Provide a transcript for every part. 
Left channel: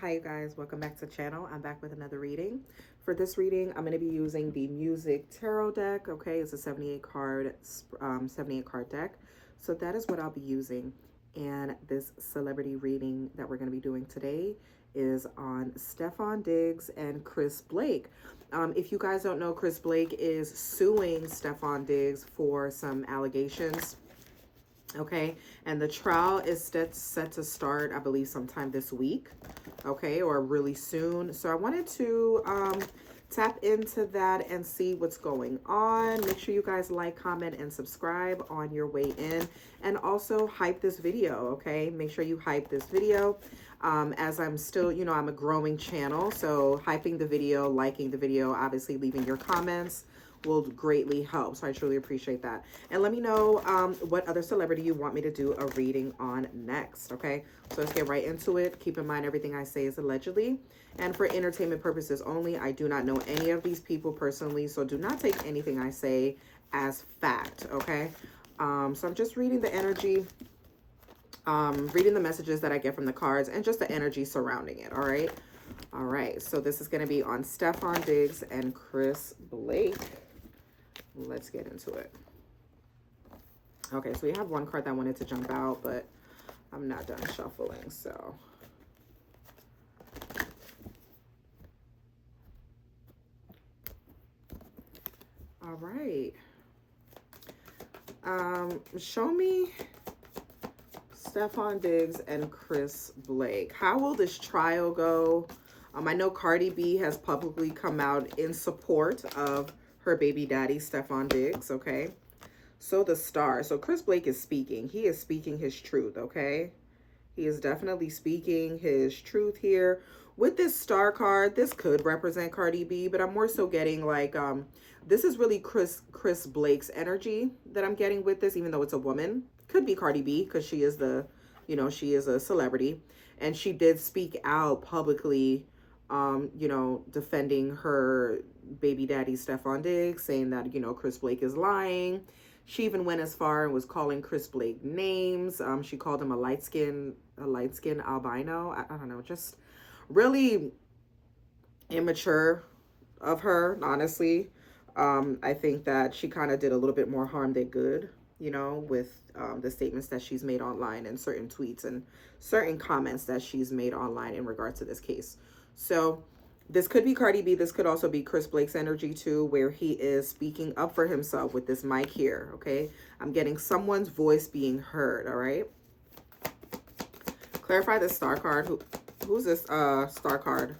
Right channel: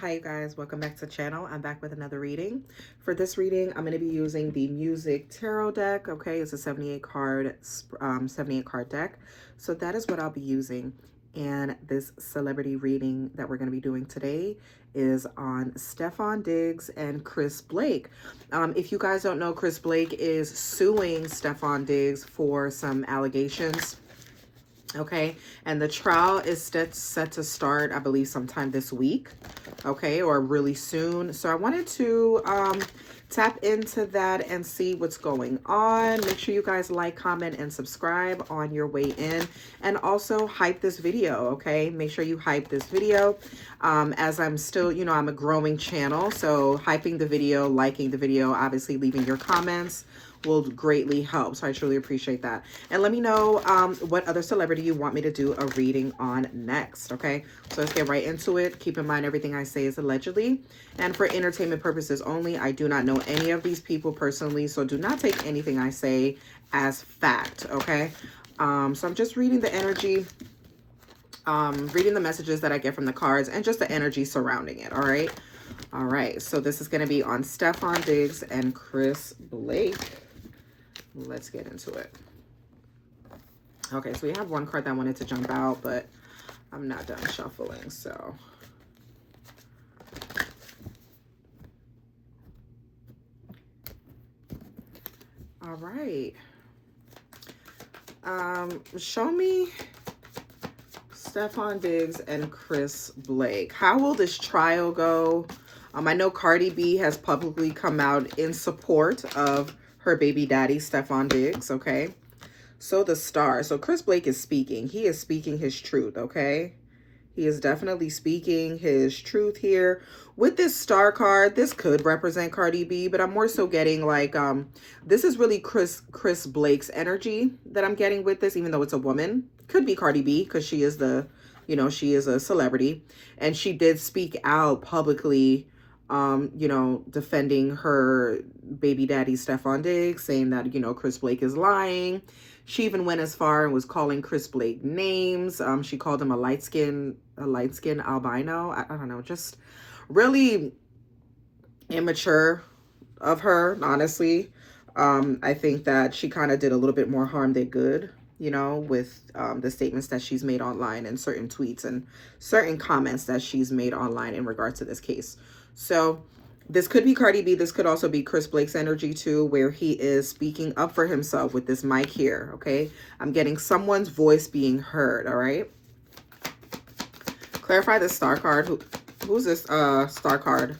Hi you guys, welcome back to the channel. I'm back with another reading. For this reading, I'm going to be using the Music Tarot deck. Okay, it's a 78 card deck. So that is what I'll be using. And this celebrity reading that we're going to be doing today is on STEFFON DIGGS and Chris Blake. If you guys don't know, Chris Blake is suing STEFFON DIGGS for some allegations. Okay, and the trial is set to start, I believe, sometime this week, okay, or really soon. So I wanted to tap into that and see what's going on. Make sure you guys like, comment, and subscribe on your way in, and also hype this video. Okay, make sure you hype this video. As I'm still, I'm a growing channel, so hyping the video, liking the video, obviously leaving your comments will greatly help. So I truly appreciate that. And let me know what other celebrity you want me to do a reading on next. Okay, so let's get right into it. Keep in mind, everything I say is allegedly and for entertainment purposes only. I do not know any of these people personally, so do not take anything I say as fact. Okay, so I'm just reading the energy, reading the messages that I get from the cards and just the energy surrounding it. All right, so this is going to be on STEFFON DIGGS and Chris Blake. Let's get into it. Okay, so we have one card that wanted to jump out, but I'm not done shuffling, so. All right. Show me STEFFON DIGGS and Chris Blake. How will this trial go? I know CARDI B has publicly come out in support of her baby daddy, STEFFON DIGGS, okay? So the star. So Chris Blake is speaking. He is speaking his truth, okay? He is definitely speaking his truth here. With this star card, this could represent CARDI B, but I'm more so getting like, this is really Chris Blake's energy that I'm getting with this, even though it's a woman. Could be CARDI B because she is she is a celebrity. And she did speak out publicly, defending her baby daddy, STEFFON DIGGS, saying that, Chris Blake is lying. She even went as far and was calling Chris Blake names. She called him a light skin albino. I don't know, just really immature of her, honestly. I think that she kind of did a little bit more harm than good, with the statements that she's made online and certain tweets and certain comments that she's made online in regards to this case. So this could be CARDI B. This could also be Chris Blake's energy too, where he is speaking up for himself with this mic here, okay? I'm getting someone's voice being heard, all right? Clarify the star card. Who's this star card?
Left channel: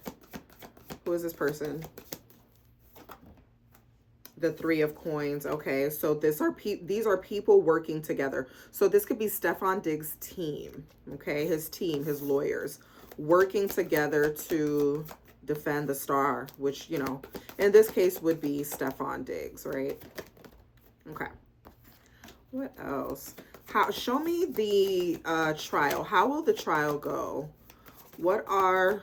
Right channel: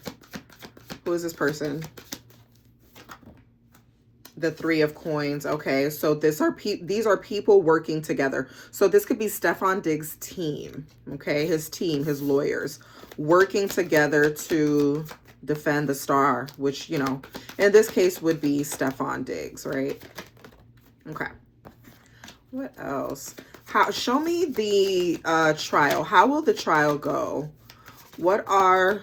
Who is this person? The Three of Coins. Okay, so these are people working together. So this could be STEFFON DIGGS' team, okay? His team, his lawyers, working together to defend the star, which, in this case would be STEFFON DIGGS, right? Okay. What else? Show me the trial. How will the trial go? What are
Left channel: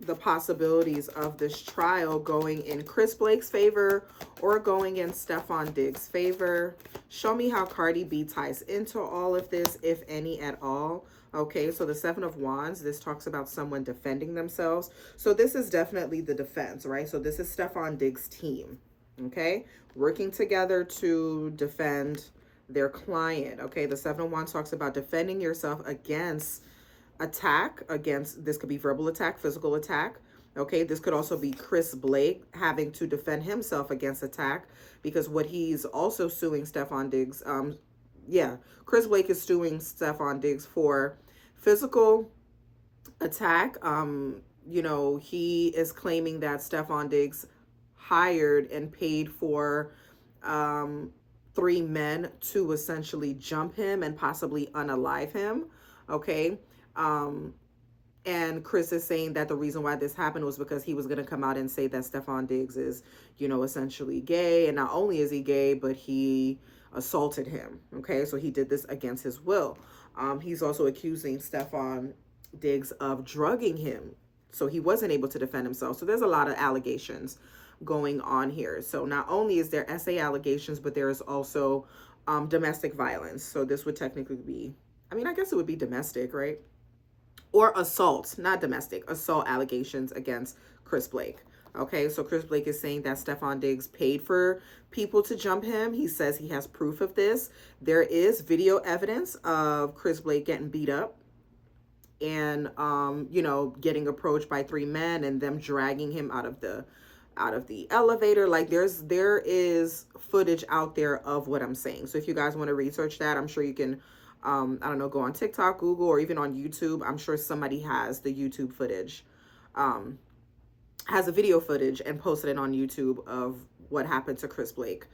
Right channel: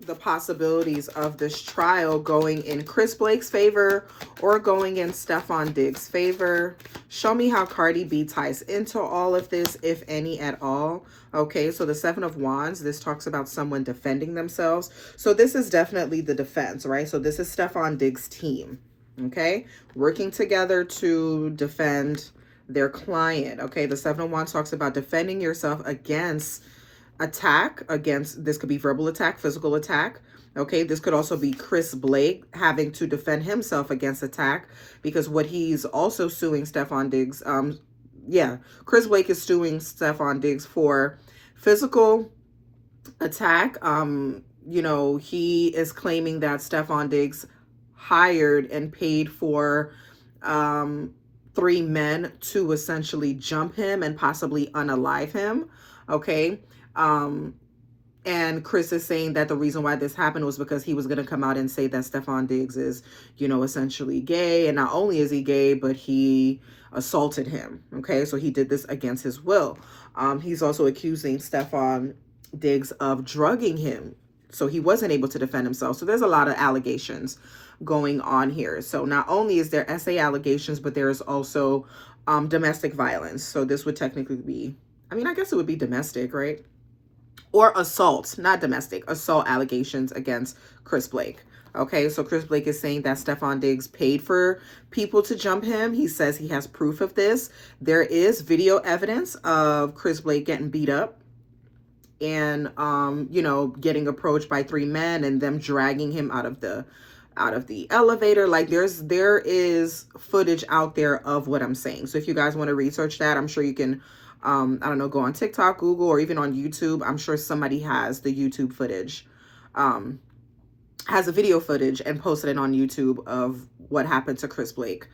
the possibilities of this trial going in Chris Blake's favor or going in STEFFON DIGGS' favor? Show me how CARDI B ties into all of this, if any at all. Okay, so the Seven of Wands, this talks about someone defending themselves. So this is definitely the defense, right? So this is STEFFON DIGGS' team, okay? Working together to defend their client, okay? The Seven of Wands talks about defending yourself against this could be verbal attack, physical attack, okay? This could also be Chris Blake having to defend himself against attack, because what he's also suing STEFFON DIGGS, Chris Blake is suing STEFFON DIGGS for physical attack. He is claiming that STEFFON DIGGS hired and paid for 3 men to essentially jump him and possibly unalive him, okay? And Chris is saying that the reason why this happened was because he was going to come out and say that STEFFON DIGGS is, essentially gay. And not only is he gay, but he assaulted him. Okay, so he did this against his will. He's also accusing STEFFON DIGGS of drugging him, so he wasn't able to defend himself. So there's a lot of allegations going on here. So not only is there SA allegations, but there is also domestic violence. So this would technically be, I guess it would be domestic, right? or assault, not domestic, assault allegations against Chris Blake. Okay, so Chris Blake is saying that Steffon Diggs paid for people to jump him. He says he has proof of this. There is video evidence of Chris Blake getting beat up and you know, getting approached by 3 men and them dragging him out of the elevator. Like there is footage out there of what I'm saying. So if you guys want to research that, I'm sure you can I don't know, go on TikTok, Google, or even on YouTube. I'm sure somebody has the YouTube footage, has a video footage and posted it on YouTube of what happened to Chris Blake.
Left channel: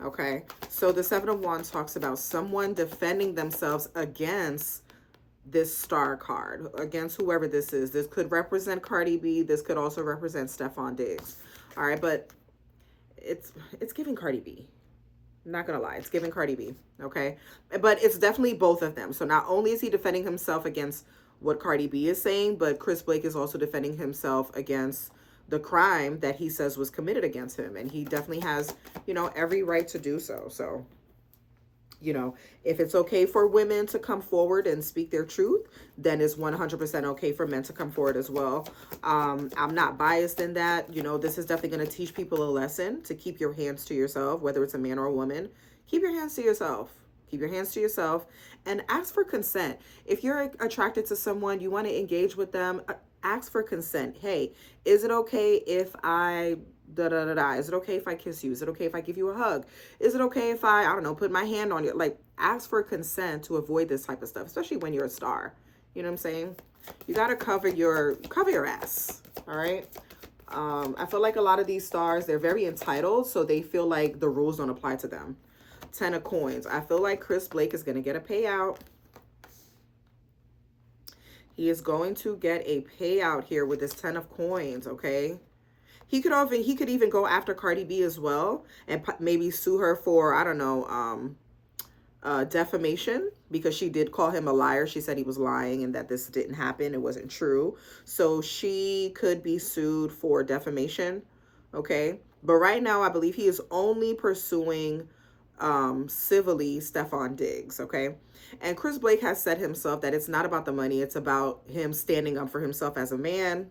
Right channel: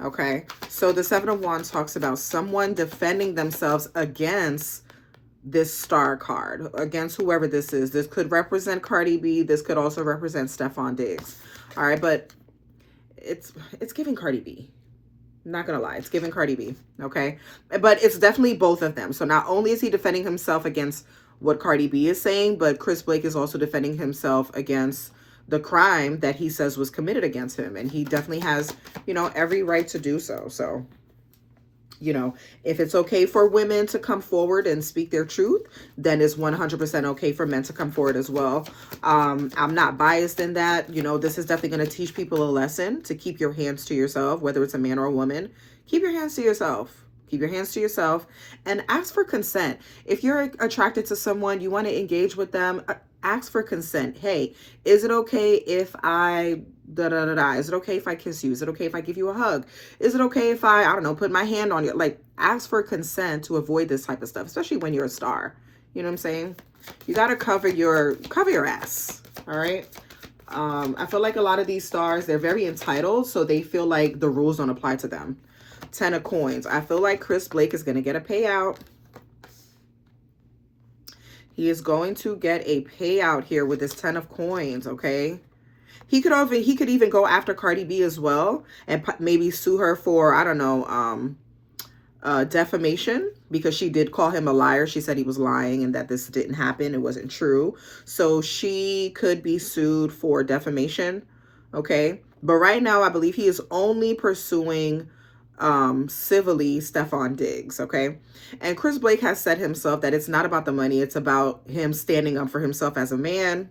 Okay, so the 7 of Wands talks about someone defending themselves against this star card, against whoever this is. This could represent Cardi B. This could also represent Steffon Diggs. All right, but it's giving Cardi B. Not gonna lie, it's giving Cardi B. Okay, but it's definitely both of them. So not only is he defending himself against what Cardi B is saying, but Chris Blake is also defending himself against the crime that he says was committed against him, and he definitely has, you know, every right to do so. So, you know, if it's okay for women to come forward and speak their truth, then it's 100% okay for men to come forward as well. I'm not biased in that. You know, this is definitely going to teach people a lesson to keep your hands to yourself, whether it's a man or a woman. Keep your hands to yourself. Keep your hands to yourself and ask for consent. If you're attracted to someone, you want to engage with them, ask for consent. Hey, is it okay if I Is it okay if I kiss you? Is it okay if I give you a hug? Is it okay if I don't know, put my hand on you? Like, ask for consent to avoid this type of stuff, especially when you're a star. You know what I'm saying? You got to cover your ass. All right. I feel like a lot of these stars, they're very entitled, so they feel like the rules don't apply to them. 10 of Coins. I feel like Chris Blake is going to get a payout. He is going to get a payout here with this 10 of Coins, okay? He could even go after Cardi B as well and maybe sue her for, I don't know, defamation, because she did call him a liar. She said he was lying and that this didn't happen. It wasn't true. So she could be sued for defamation, okay? But right now, I believe he is only pursuing civilly Steffon Diggs, okay? And Chris Blake has said himself that it's not about the money. It's about him standing up for himself as a man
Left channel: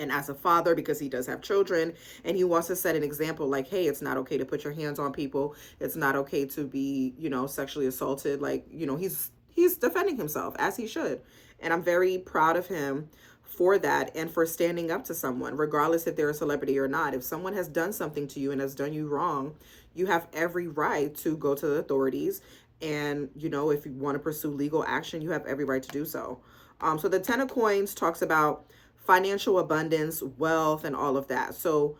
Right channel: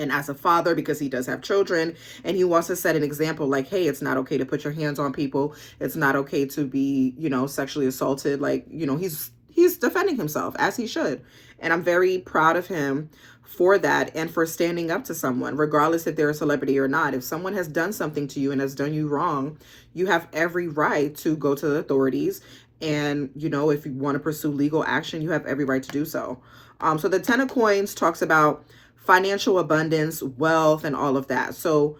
and as a father, because he does have children, and he wants to set an example like, hey, it's not okay to put your hands on people. It's not okay to be, you know, sexually assaulted. Like, you know, he's defending himself, as he should. And I'm very proud of him for that and for standing up to someone, regardless if they're a celebrity or not. If someone has done something to you and has done you wrong, you have every right to go to the authorities. And, you know, if you want to pursue legal action, you have every right to do so. So the 10 of Coins talks about financial abundance, wealth, and all of that. So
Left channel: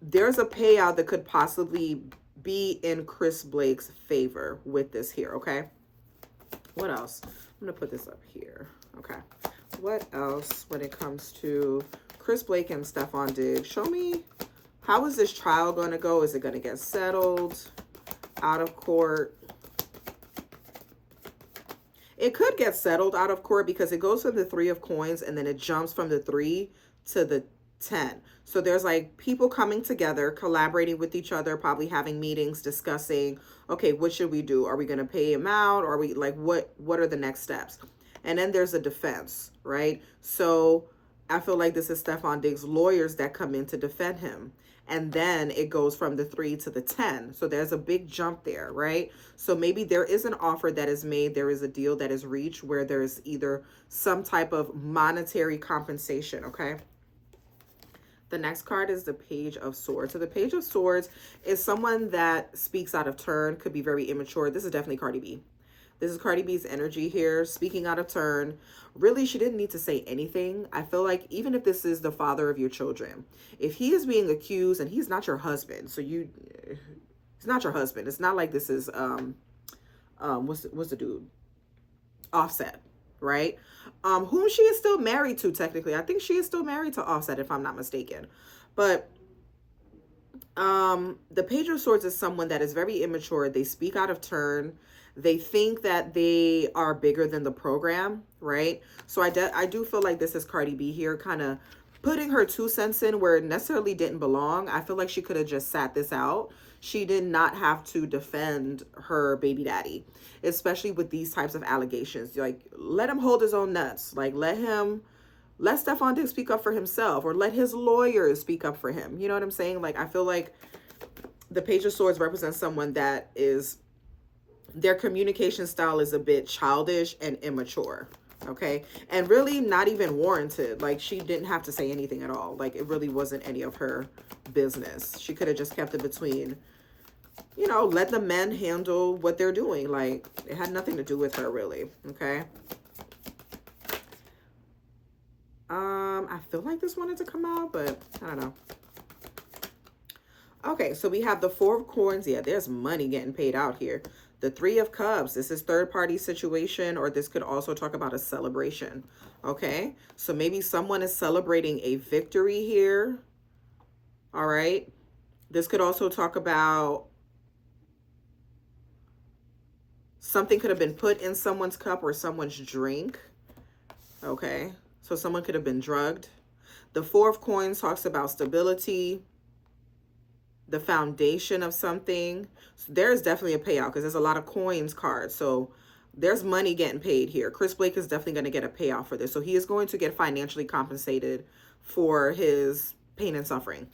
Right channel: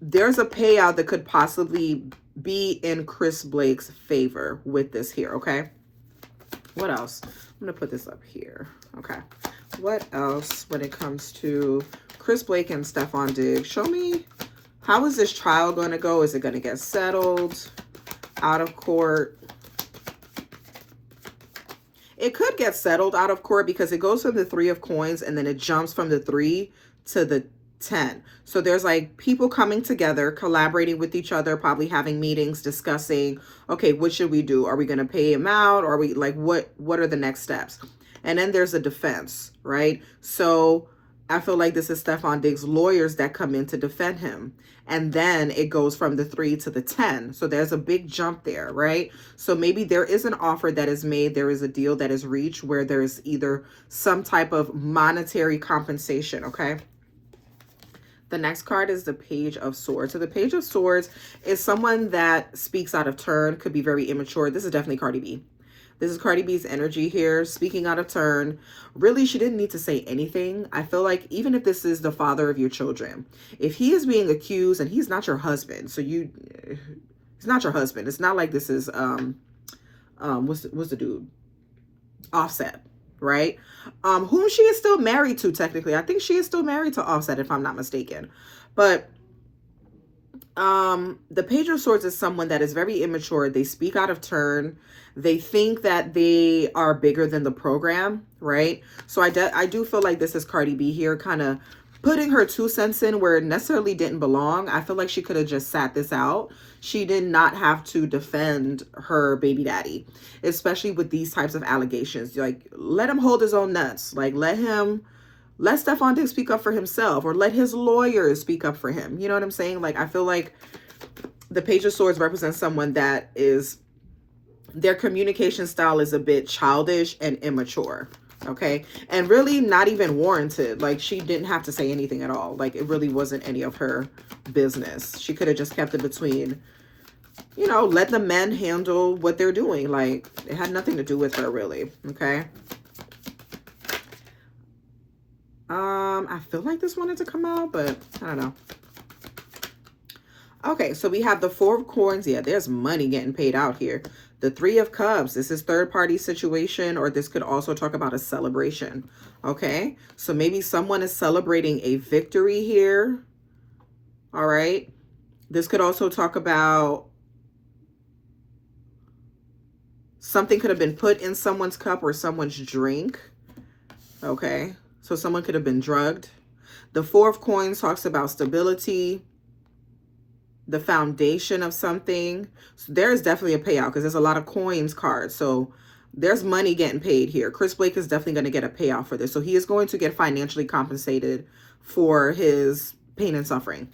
there's a payout that could possibly be in Chris Blake's favor with this here, okay? What else? I'm going to put this up here. Okay. What else when it comes to Chris Blake and Steffon Diggs? Show me, how is this trial going to go? Is it going to get settled? Out of court? It could get settled out of court because it goes from the 3 of Coins and then it jumps from the 3 to the 10. So there's like people coming together, collaborating with each other, probably having meetings, discussing, okay, what should we do? Are we going to pay him out? Or are we like, what are the next steps? And then there's a defense, right? So I feel like this is Steffon Diggs' lawyers that come in to defend him. And then it goes from the 3 to the 10. So there's a big jump there, right? So maybe there is an offer that is made. There is a deal that is reached where there is either some type of monetary compensation, okay? The next card is the Page of Swords. So the Page of Swords is someone that speaks out of turn, could be very immature. This is definitely Cardi B. This is Cardi B's energy here, speaking out of turn. Really, she didn't need to say anything. I feel like even if this is the father of your children, if he is being accused and he's not your husband, so he's not your husband. It's not like this is, what's the dude? Offset, right? Whom she is still married to, technically. I think she is still married to Offset, if I'm not mistaken. But the Page of Swords is someone that is very immature. They speak out of turn. They think that they are bigger than the program, right? So I do feel like this is Cardi B here, kind of putting her 2 cents in where it necessarily didn't belong. I feel like she could have just sat this out. She did not have to defend her baby daddy, especially with these types of allegations. Like, let him hold his own nuts. Like, let Stefon Diggs speak up for himself, or let his lawyers speak up for him. You know what I'm saying? Like, I feel like the Page of Swords represents someone that is, their communication style is a bit childish and immature. Okay, and really not even warranted. Like, she didn't have to say anything at all. Like, it really wasn't any of her business. She could have just kept it between, you know, let the men handle what they're doing. Like, it had nothing to do with her, really. Okay. I feel like this wanted to come out, but I don't know. Okay, so we have the Four of Coins. Yeah, there's money getting paid out here. The Three of Cups. This is third-party situation, or this could also talk about a celebration. Okay, so maybe someone is celebrating a victory here. All right. This could also talk about something could have been put in someone's cup or someone's drink. Okay, so someone could have been drugged. The Four of Coins talks about stability, the foundation of something. So there's definitely a payout because there's a lot of coins cards. So there's money getting paid here. Chris Blake is definitely going to get a payout for this. So he is going to get financially compensated for his pain and suffering.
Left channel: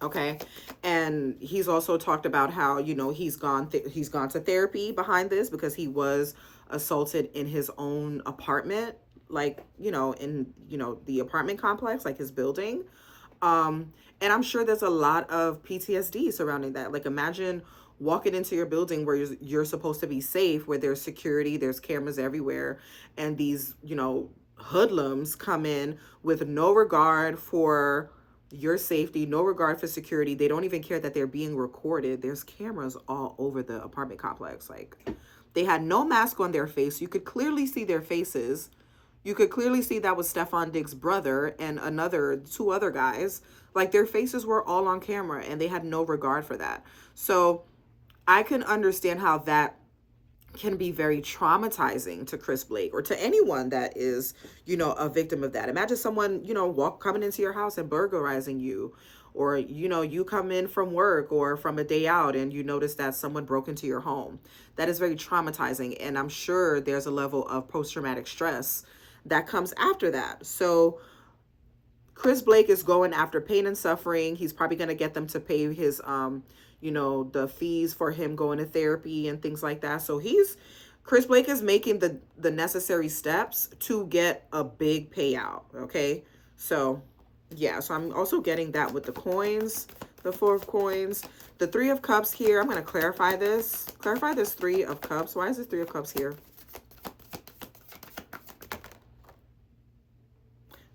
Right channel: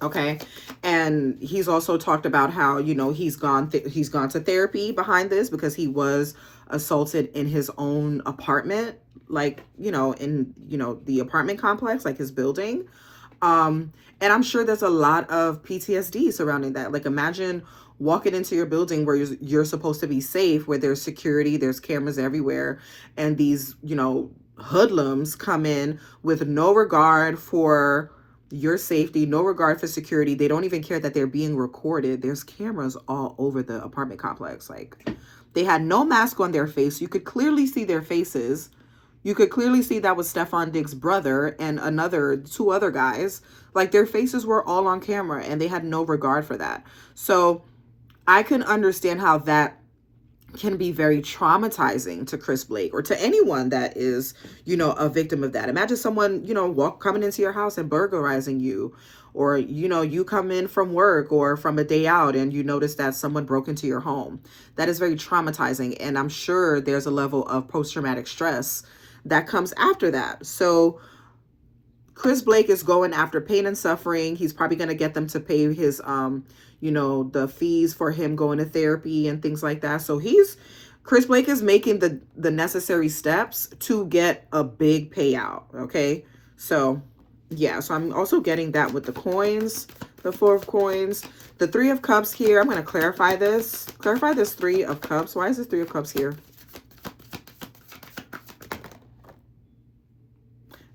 Okay. And he's also talked about how, you know, he's gone to therapy behind this because he was assaulted in his own apartment, like, you know, in, you know, the apartment complex, like his building. And I'm sure there's a lot of PTSD surrounding that. Like, imagine walking into your building where you're supposed to be safe, where there's security, there's cameras everywhere, and these, you know, hoodlums come in with no regard for your safety, no regard for security. They don't even care that they're being recorded. There's cameras all over the apartment complex. Like, they had no mask on their face. You could clearly see their faces. You could clearly see that was Stefon Diggs' brother and two other guys. Like, their faces were all on camera and they had no regard for that. So I can understand how that can be very traumatizing to Chris Blake or to anyone that is, you know, a victim of that. Imagine someone, you know, coming into your house and burglarizing you, or, you know, you come in from work or from a day out and you notice that someone broke into your home. That is very traumatizing. And I'm sure there's a level of post-traumatic stress that comes after that. So Chris Blake is going after pain and suffering. He's probably going to get them to pay his, you know, the fees for him going to therapy and things like that. So Chris Blake is making the necessary steps to get a big payout. Okay. So yeah, so I'm also getting that with the coins, the Four of Coins, the Three of Cups here. I'm going to clarify this Three of Cups. Why is this Three of Cups here?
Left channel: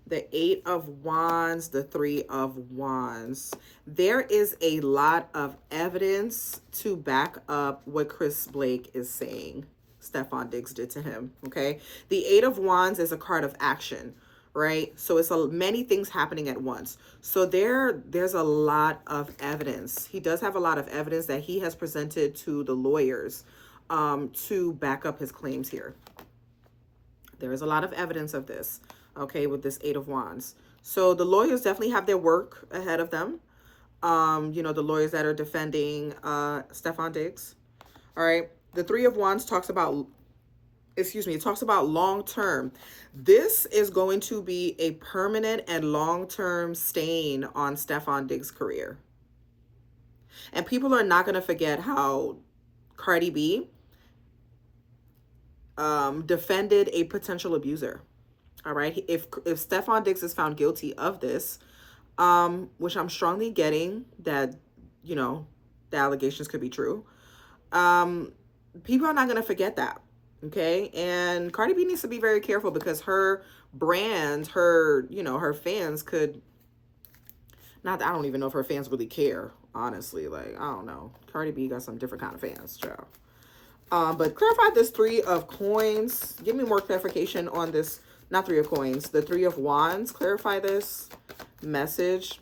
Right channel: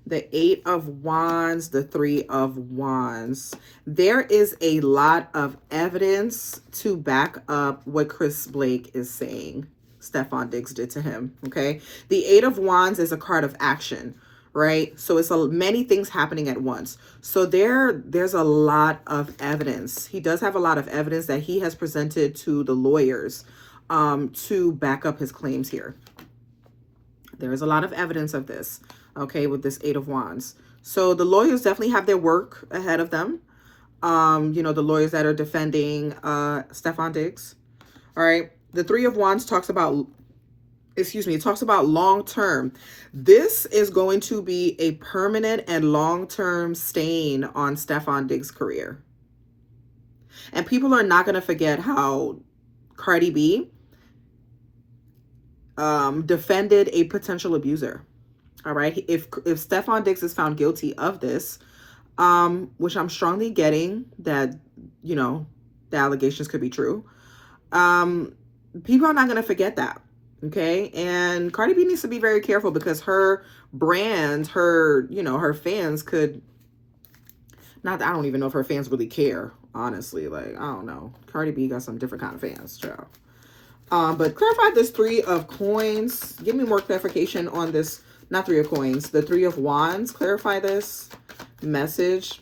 The Eight of Wands, the Three of Wands. There is a lot of evidence to back up what Chris Blake is saying Stefon Diggs did to him, okay? The Eight of Wands is a card of action, right? So it's many things happening at once. So there's a lot of evidence. He does have a lot of evidence that he has presented to the lawyers to back up his claims here. There is a lot of evidence of this. Okay, with this Eight of Wands. So the lawyers definitely have their work ahead of them. You know, the lawyers that are defending Stefon Diggs. All right. The Three of Wands talks about, it talks about long-term. This is going to be a permanent and long-term stain on Stefon Diggs' career. And people are not going to forget how Cardi B defended a potential abuser. All right. If Stefon Diggs is found guilty of this, which I'm strongly getting that, you know, the allegations could be true. People are not going to forget that. Okay. And Cardi B needs to be very careful because her brand, you know, her fans could I don't even know if her fans really care, honestly. Like, I don't know. Cardi B got some different kind of fans, child. But clarify this Three of Coins. Give me more clarification on this. Not Three of Coins, the Three of Wands. Clarify this message.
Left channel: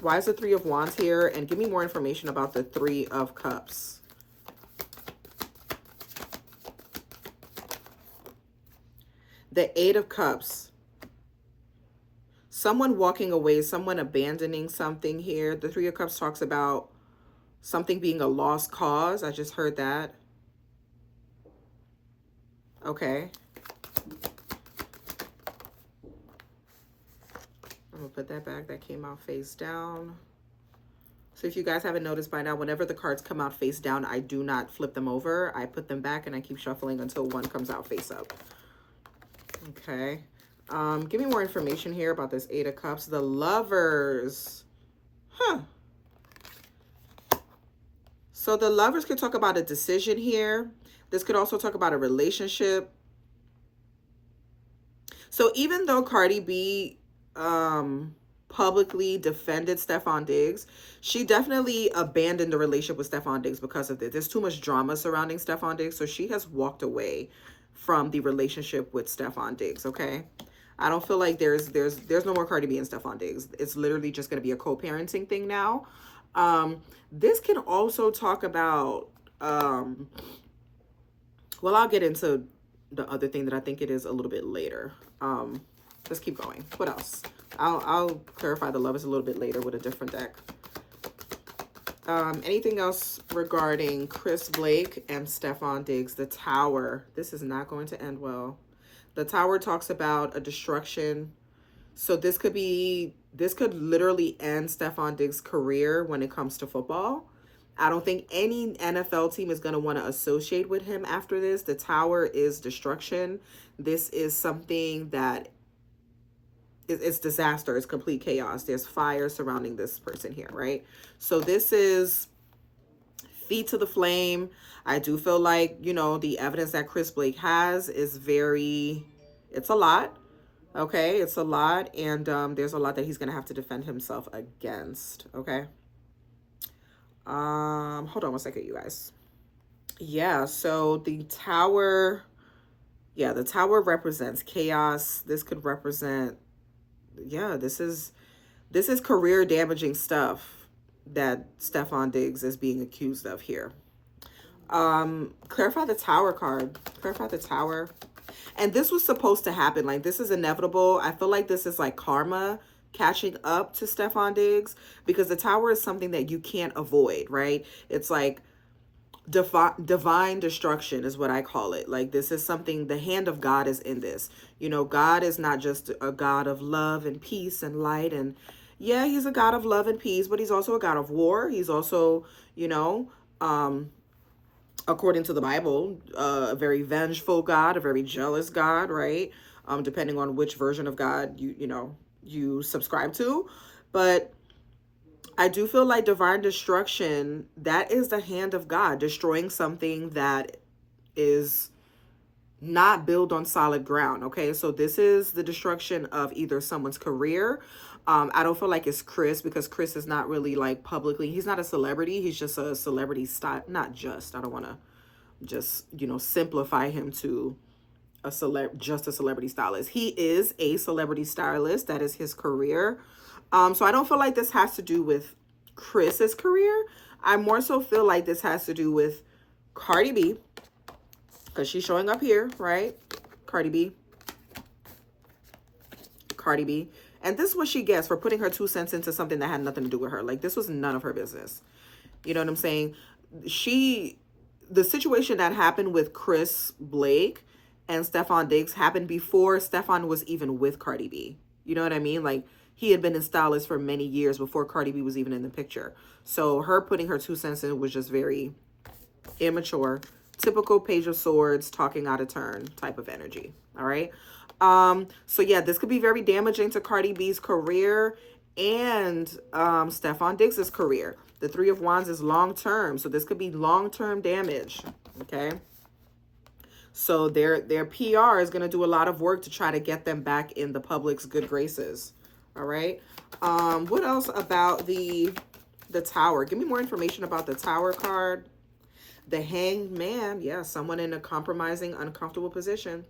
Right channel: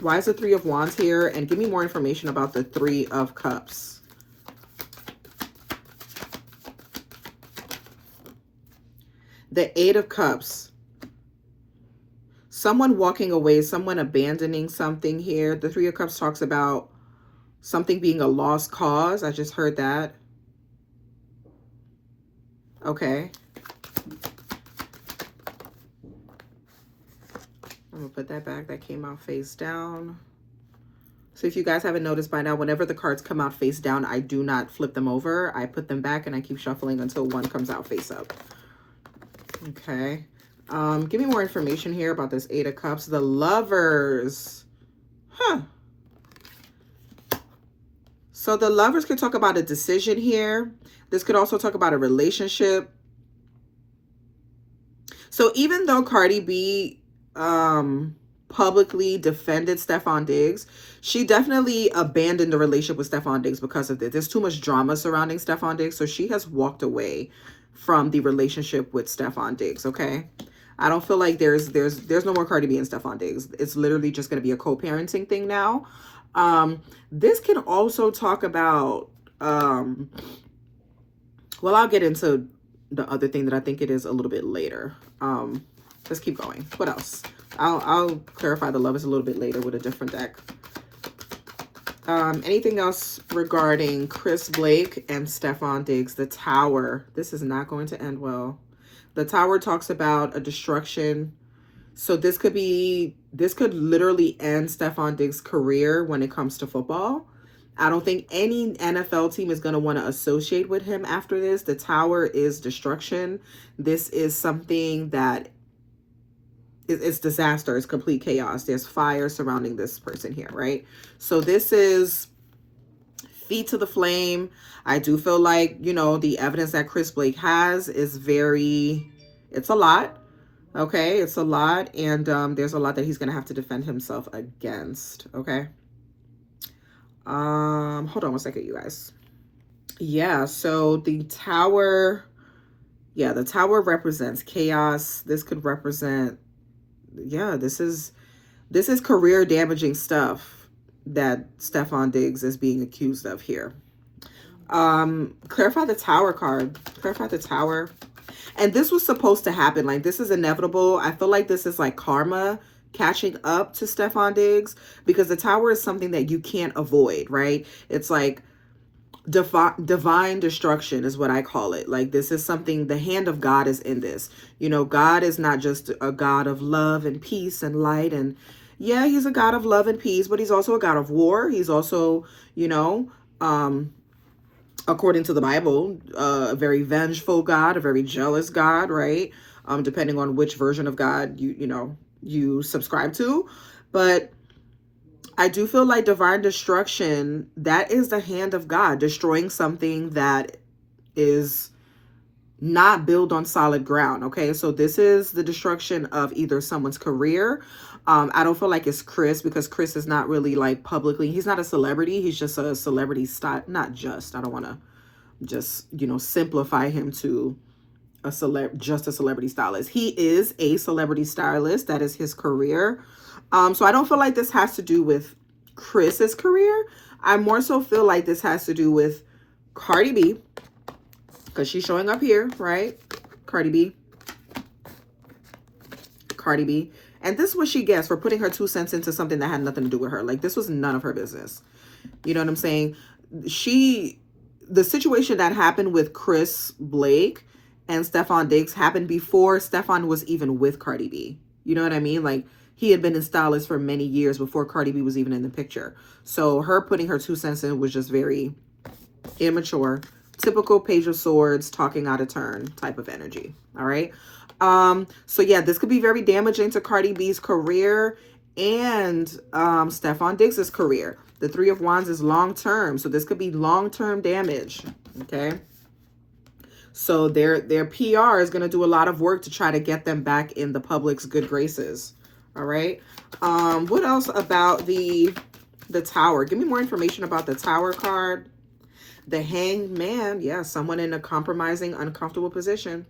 Why is the Three of Wands here? And give me more information about the Three of Cups. The Eight of Cups. someone walking away, someone abandoning something here. The Three of Cups talks about something being a lost cause. I just heard that. Okay. I'm going to put that back. That came out face down. So if you guys haven't noticed by now, whenever the cards come out face down, I do not flip them over. I put them back and I keep shuffling until one comes out face up. Okay. Give me more information here about this Eight of Cups. The Lovers. Huh. So the Lovers could talk about a decision here. This could also talk about a relationship. So even though Cardi B publicly defended STEFFON DIGGS, she definitely abandoned the relationship with STEFFON DIGGS because of this. There's too much drama surrounding STEFFON DIGGS, so she has walked away from the relationship with STEFFON DIGGS, okay? I don't feel like there's no more Cardi B and STEFFON DIGGS. It's literally just going to be a co-parenting thing now. This can also talk about, well, I'll get into the other thing that I think it is a little bit later. Let's keep going. What else? I'll clarify the Lovers a little bit later with a different deck. Anything else regarding Chris Blake and STEFFON DIGGS? The Tower. This is not going to end well. The Tower talks about a destruction. So this could literally end STEFFON DIGGS' career when it comes to football. I don't think any NFL team is going to want to associate with him after this. The Tower is destruction. This is something that it's disaster. It's complete chaos. There's fire surrounding this person here, right? So this is feet to the flame. I do feel like, you know, the evidence that Chris Blake has is it's a lot. Okay, it's a lot. And there's a lot that he's going to have to defend himself against. Okay. Hold on one second, you guys. Yeah, so the Tower, the Tower represents chaos. This could represent, this is career damaging stuff that STEFFON DIGGS is being accused of here. Clarify the Tower card. Clarify the Tower. And this was supposed to happen. Like, this is inevitable. I feel like this is like karma catching up to STEFFON DIGGS, because the Tower is something that you can't avoid, right? It's like divine destruction is what I call it. Like, this is something, the hand of God is in this. You know, God is not just a God of love and peace and light, and yeah, he's a God of love and peace, but he's also a God of war. He's also, you know, according to the Bible, a very vengeful God, a very jealous God, right? Depending on which version of God you subscribe to. But I do feel like divine destruction, that is the hand of God destroying something that is not built on solid ground. Okay, so this is the destruction of either someone's career. I don't feel like it's Chris, because Chris is not really like publicly, he's not a celebrity, he's just a celebrity style. Not just, I don't want to just, you know, simplify him to just a celebrity stylist. He is a celebrity stylist. That is his career. So I don't feel like this has to do with Chris's career. I more so feel like this has to do with Cardi B, because she's showing up here, right? Cardi B. And this is what she gets for putting her 2 cents into something that had nothing to do with her. Like, this was none of her business. You know what I'm saying? The situation that happened with Chris Blake and STEFFON DIGGS happened before STEFFON was even with Cardi B. You know what I mean? Like, he had been a stylist for many years before Cardi B was even in the picture. So her putting her 2 cents in was just very immature. Typical Page of Swords, talking out of turn type of energy. All right. So yeah, this could be very damaging to Cardi B's career and STEFFON DIGGS' career. The Three of Wands is long-term. So this could be long-term damage. Okay. So their PR is going to do a lot of work to try to get them back in the public's good graces. All right. What else about the Tower? Give me more information about the Tower card. The Hanged Man. Yeah, someone in a compromising, uncomfortable position.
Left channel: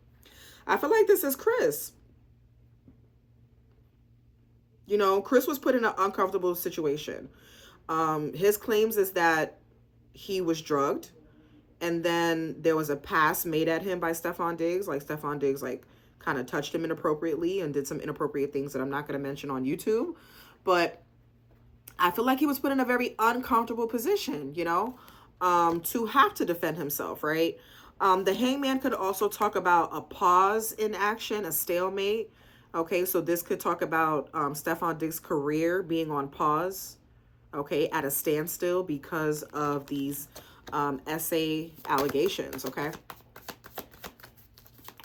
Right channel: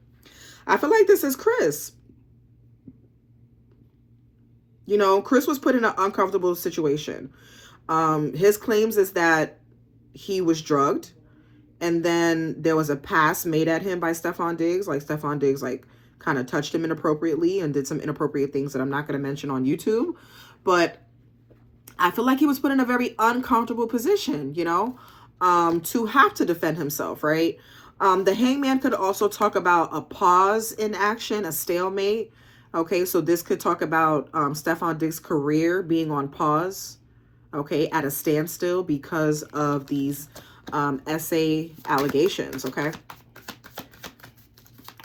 I feel like this is Chris. You know, Chris was put in an uncomfortable situation. His claims is that he was drugged, and then there was a pass made at him by STEFFON DIGGS. Like, STEFFON DIGGS, like, kind of touched him inappropriately and did some inappropriate things that I'm not going to mention on YouTube. But I feel like he was put in a very uncomfortable position, you know, to have to defend himself, right? The hangman could also talk about a pause in action, a stalemate. Okay, so this could talk about Stefan Diggs' career being on pause, okay, at a standstill because of these essay allegations, okay?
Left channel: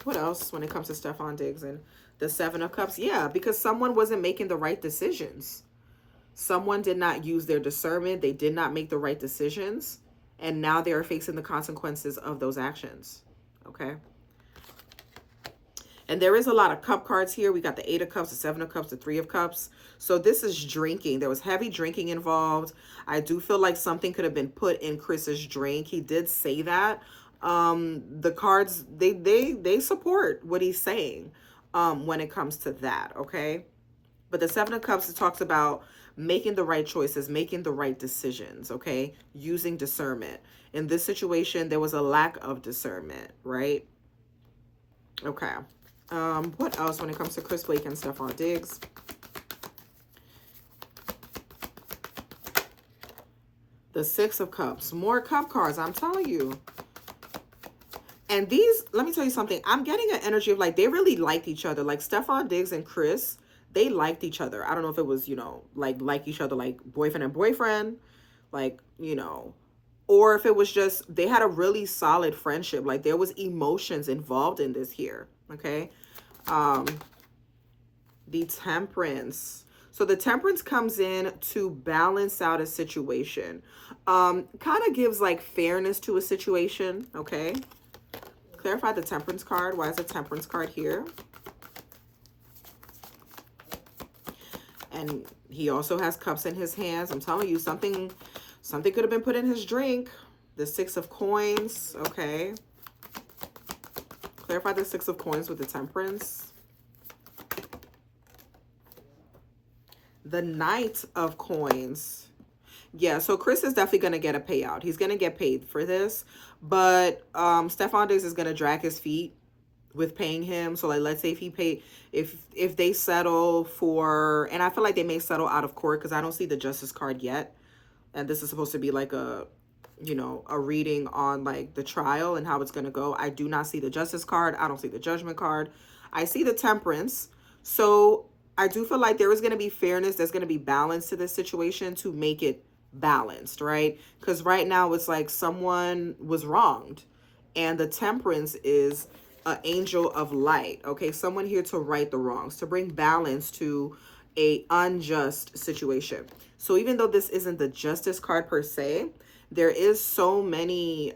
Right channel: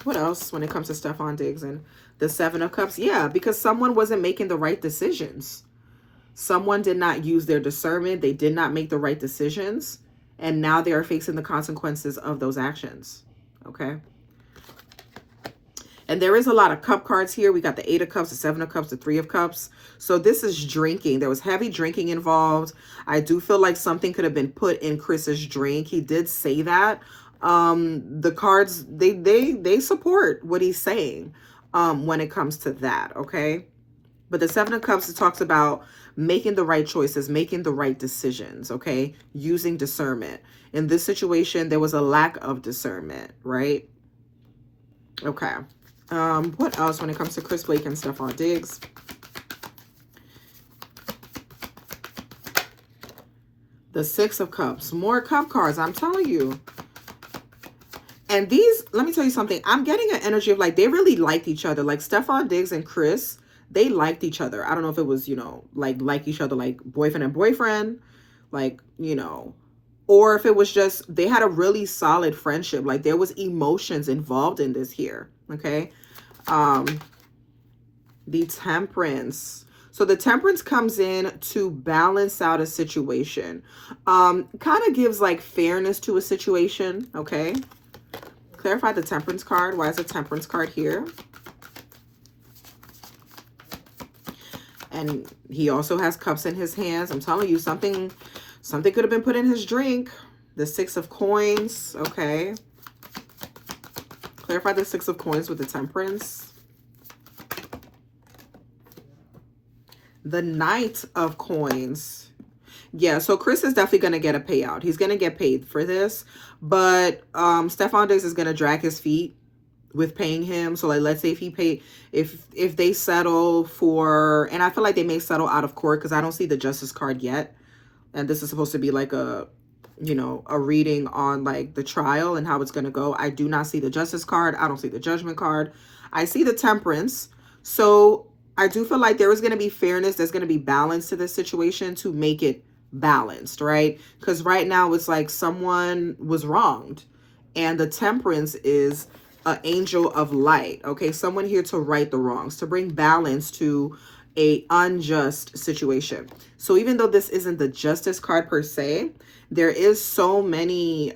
What else when it comes to Stefan Diggs and the Seven of Cups? Yeah, because someone wasn't making the right decisions. Someone did not use their discernment. They did not make the right decisions. And now they are facing the consequences of those actions. Okay. And there is a lot of cup cards here. We got the Eight of Cups, the Seven of Cups, the Three of Cups. So this is drinking. There was heavy drinking involved. I do feel like something could have been put in Chris's drink. He did say that. The cards, they support what he's saying when it comes to that. Okay. But the Seven of Cups, it talks about making the right choices, making the right decisions, okay? Using discernment. In this situation, there was a lack of discernment, right? Okay. What else when it comes to Chris Blake and Stefan Diggs? The Six of Cups. More cup cards, I'm telling you. And these, let me tell you something. I'm getting an energy of like they really liked each other. Like Stefan Diggs and Chris, they liked each other. I don't know if it was, you know, like each other, like boyfriend and boyfriend, like, you know, or if it was just they had a really solid friendship. Like there was emotions involved in this here. Okay. The Temperance. So the Temperance comes in to balance out a situation. Kind of gives like fairness to a situation. Okay. Clarify the Temperance card. Why is the Temperance card here? And he also has cups in his hands. I'm telling you, something could have been put in his drink. The Six of Coins. Okay. Clarify the Six of Coins with the Temperance. The Knight of Coins. Yeah, so Chris is definitely going to get a payout. He's going to get paid for this. But Stefan Diggs is going to drag his feet with paying him. So like, let's say if he paid, if they settle for, and I feel like they may settle out of court because I don't see the Justice card yet. And this is supposed to be like a, you know, a reading on like the trial and how it's going to go. I do not see the Justice card. I don't see the Judgment card. I see the Temperance. So I do feel like there is going to be fairness. There's going to be balance to this situation to make it balanced, right? Because right now it's like someone was wronged. And the Temperance is an angel of light, okay? Someone here to right the wrongs, to bring balance to a unjust situation. So even though this isn't the Justice card per se, there is so many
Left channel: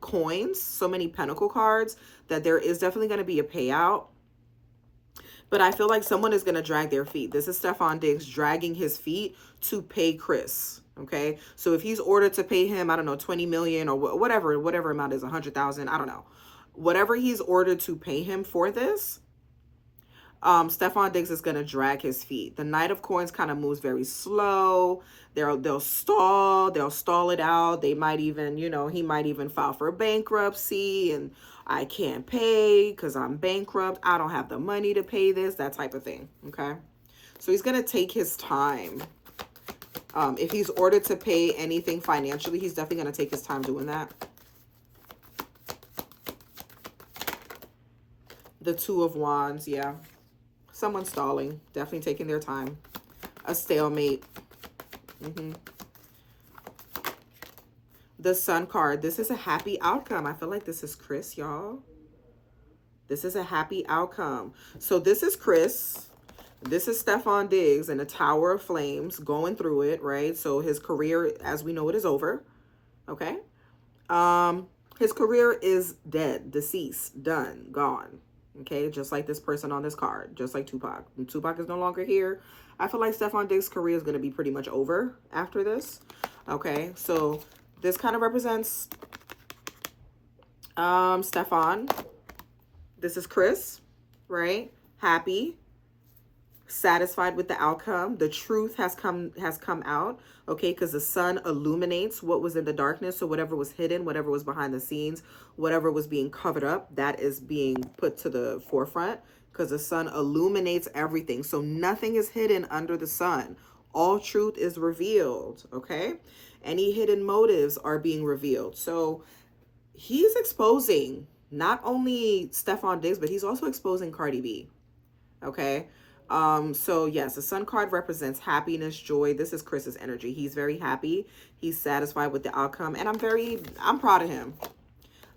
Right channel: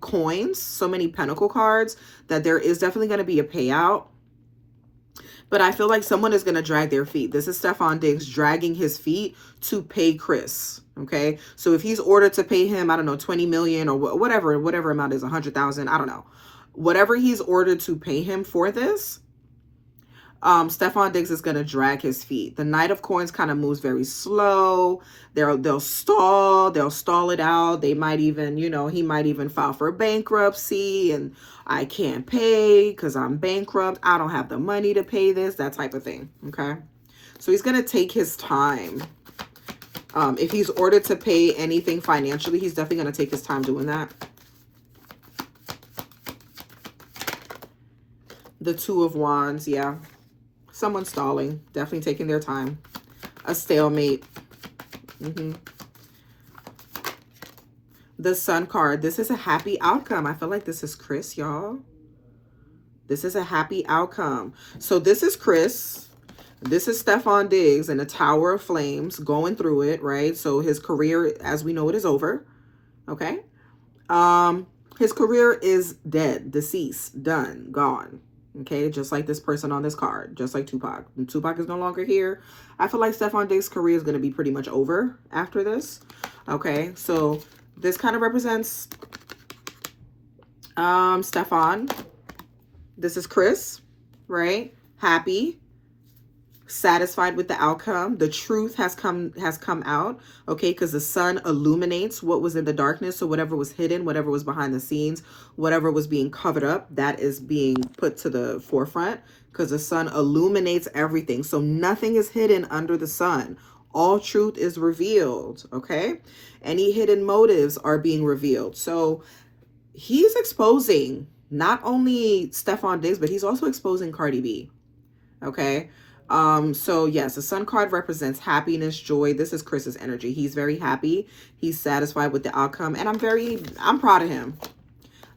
coins, so many Pentacle cards that there is definitely going to be a payout. But I feel like someone is going to drag their feet. This is Stefan Diggs dragging his feet to pay Chris. Okay. So if he's ordered to pay him, I don't know, 20 million or whatever amount is 100,000. I don't know. Whatever he's ordered to pay him for this, Stefan Diggs is going to drag his feet. The Knight of Coins kind of moves very slow. They'll stall it out. They might even, you know, he might even file for bankruptcy and I can't pay because I'm bankrupt. I don't have the money to pay this, that type of thing. Okay. So he's going to take his time. If he's ordered to pay anything financially, he's definitely going to take his time doing that. The Two of Wands. Yeah. Someone stalling, definitely taking their time. A stalemate. The Sun card. This is a happy outcome. I feel like this is Chris, y'all. This is a happy outcome. So this is Chris. This is Stefan Diggs in a Tower of Flames going through it, right? So his career, as we know it, is over. Okay. His career is dead, deceased, done, gone. Okay, just like this person on this card, just like Tupac. And Tupac is no longer here. I feel like Stefan Diggs' career is going to be pretty much over after this. Okay, so this kind of represents Stefan. This is Chris, right? Happy, satisfied with the outcome. The truth has come out, okay, because the sun illuminates what was in the darkness. So whatever was hidden, whatever was behind the scenes, whatever was being covered up, that is being put to the forefront, because the sun illuminates everything. So nothing is hidden under the sun. All truth is revealed, okay? Any hidden motives are being revealed. So he's exposing not only STEFFON DIGGS, but he's also exposing CARDI B, okay? So yes, the sun card represents happiness, joy. This is Chris's energy. He's very happy. He's satisfied with the outcome. And I'm proud of him.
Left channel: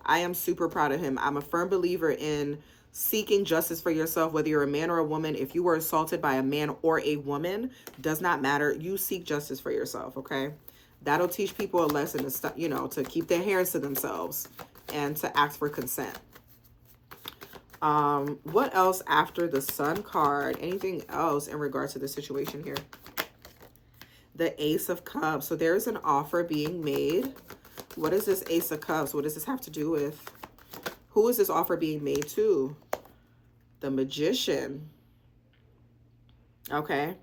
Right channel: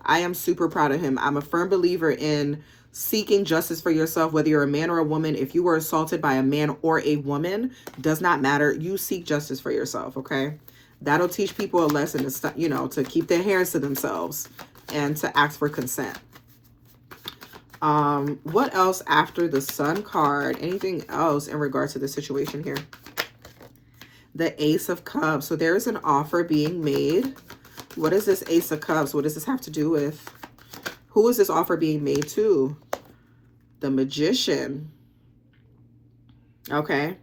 I am super proud of him. I'm a firm believer in seeking justice for yourself, whether you're a man or a woman. If you were assaulted by a man or a woman, does not matter. You seek justice for yourself, okay? That'll teach people a lesson to, you know, to keep their hands to themselves and to ask for consent. What else after the sun card? Anything else in regards to the situation here? The Ace of Cups. So there is an offer being made. What is this Ace of Cups? What does this have to do with? Who is this offer being made to? The Magician. Okay.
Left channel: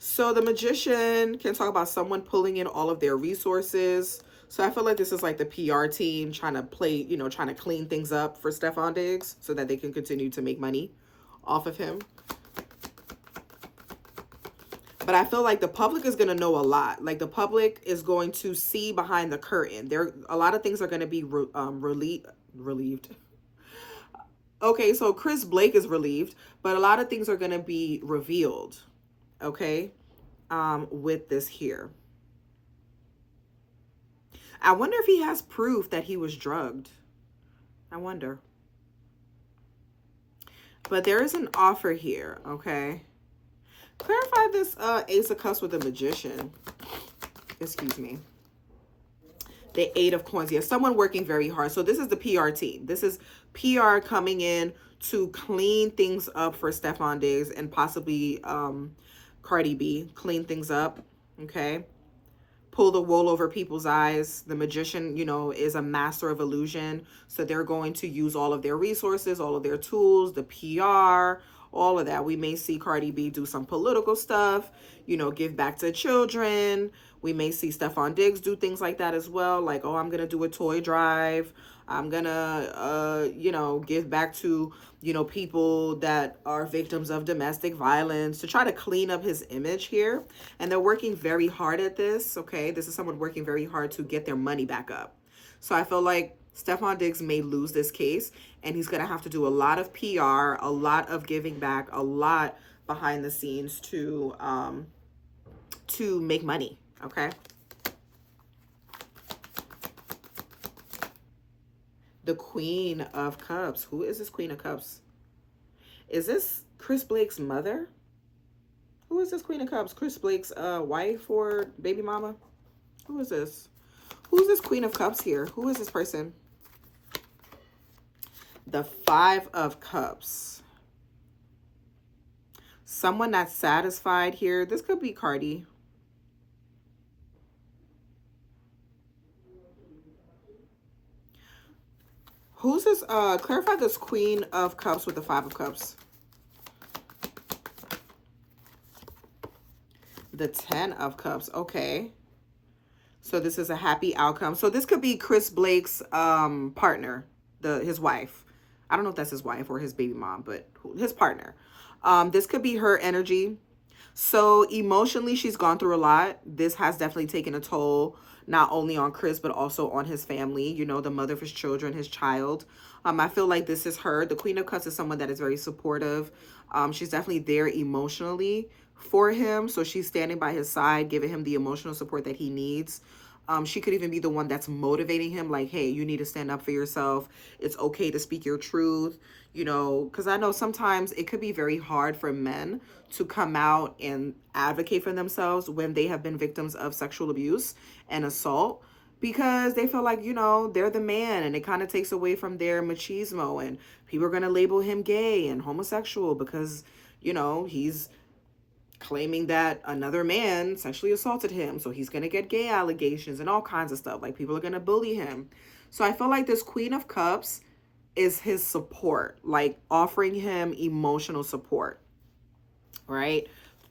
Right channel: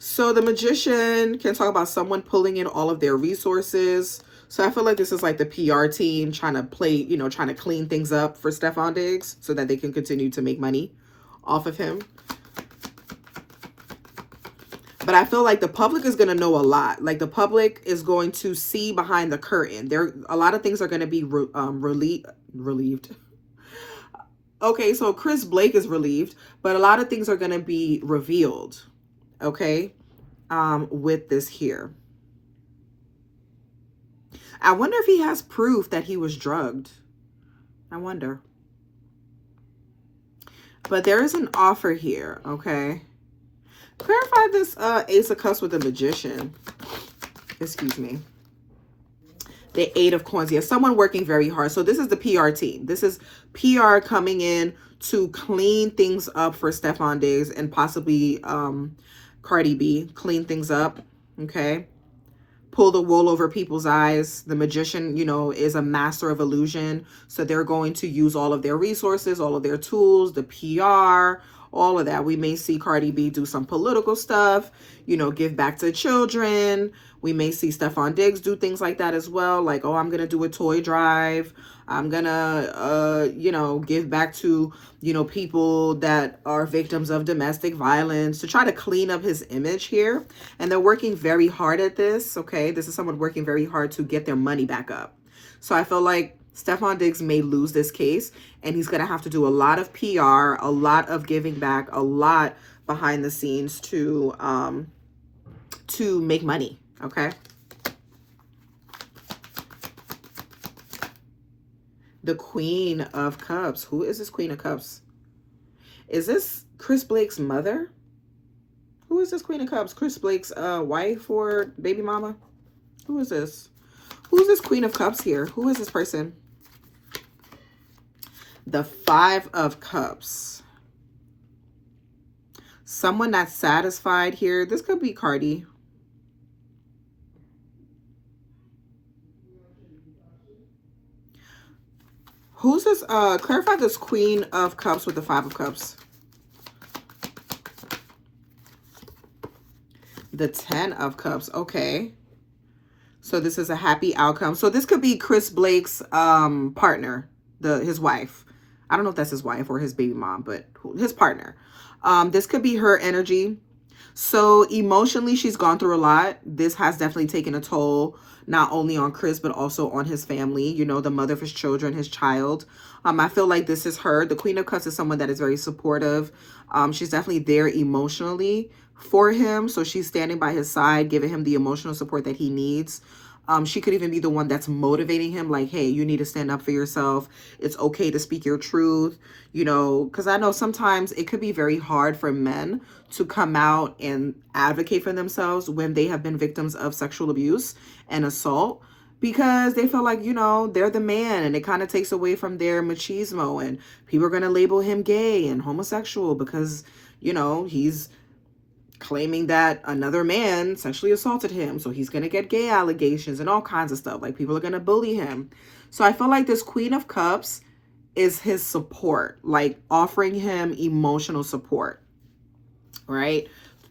So the Magician can talk about someone pulling in all of their resources. So I feel like this is like the PR team trying to play, you know, trying to clean things up for STEFFON DIGGS so that they can continue to make money off of him. But I feel like the public is going to know a lot. Like the public is going to see behind the curtain. A lot of things are going to be relieved. Okay, so Chris Blake is relieved, but a lot of things are going to be revealed. Okay, with this here. I wonder if he has proof that he was drugged. I wonder. But there is an offer here, okay? Clarify this Ace of Cups with the Magician. Excuse me. The Eight of Coins. Yeah, someone working very hard. So this is the PR team. This is PR coming in to clean things up for STEFFON DIGGS and possibly CARDI B. Clean things up, okay? Pull the wool over people's eyes. The Magician, you know, is a master of illusion. So they're going to use all of their resources, all of their tools, the PR, all of that. We may see CARDI B do some political stuff, you know, give back to children. We may see STEFFON DIGGS do things like that as well. Like, oh, I'm going to do a toy drive. I'm going to, you know, give back to, you know, people that are victims of domestic violence to try to clean up his image here. And they're working very hard at this, okay? This is someone working very hard to get their money back up. So I feel like STEFFON DIGGS may lose this case, and he's going to have to do a lot of PR, a lot of giving back, a lot behind the scenes to make money, okay? The Queen of Cups. Who is this Queen of Cups? Is this Chris Blake's mother? Who is this Queen of Cups? Chris Blake's wife or baby mama? Who is this? Who's this Queen of Cups here? Who is this person? The Five of Cups. Someone that's satisfied here. This could be CARDI. Who's this? Clarify this Queen of Cups with the Five of Cups. The Ten of Cups. Okay. So this is a happy outcome. So this could be Chris Blake's partner, his wife. I don't know if that's his wife or his baby mom, but his partner. This could be her energy. So emotionally, she's gone through a lot. This has definitely taken a toll, not only on Chris, but also on his family, you know, the mother of his children, his child. I feel like this is her. The Queen of Cups is someone that is very supportive. She's definitely there emotionally for him. So she's standing by his side, giving him the emotional support that he needs. She could even be the one that's motivating him, like, hey, you need to stand up for yourself. It's okay to speak your truth, you know, because I know sometimes it could be very hard for men to come out and advocate for themselves when they have been victims of sexual abuse and assault, because they feel like, you know, they're the man, and it kind of takes away from their machismo, and people are going to label him gay and homosexual because, you know, he's claiming that another man sexually assaulted him, so he's going to get gay allegations and all kinds of stuff. Like, people are going to bully him. So I feel like this Queen of Cups is his support, like offering him emotional support. right?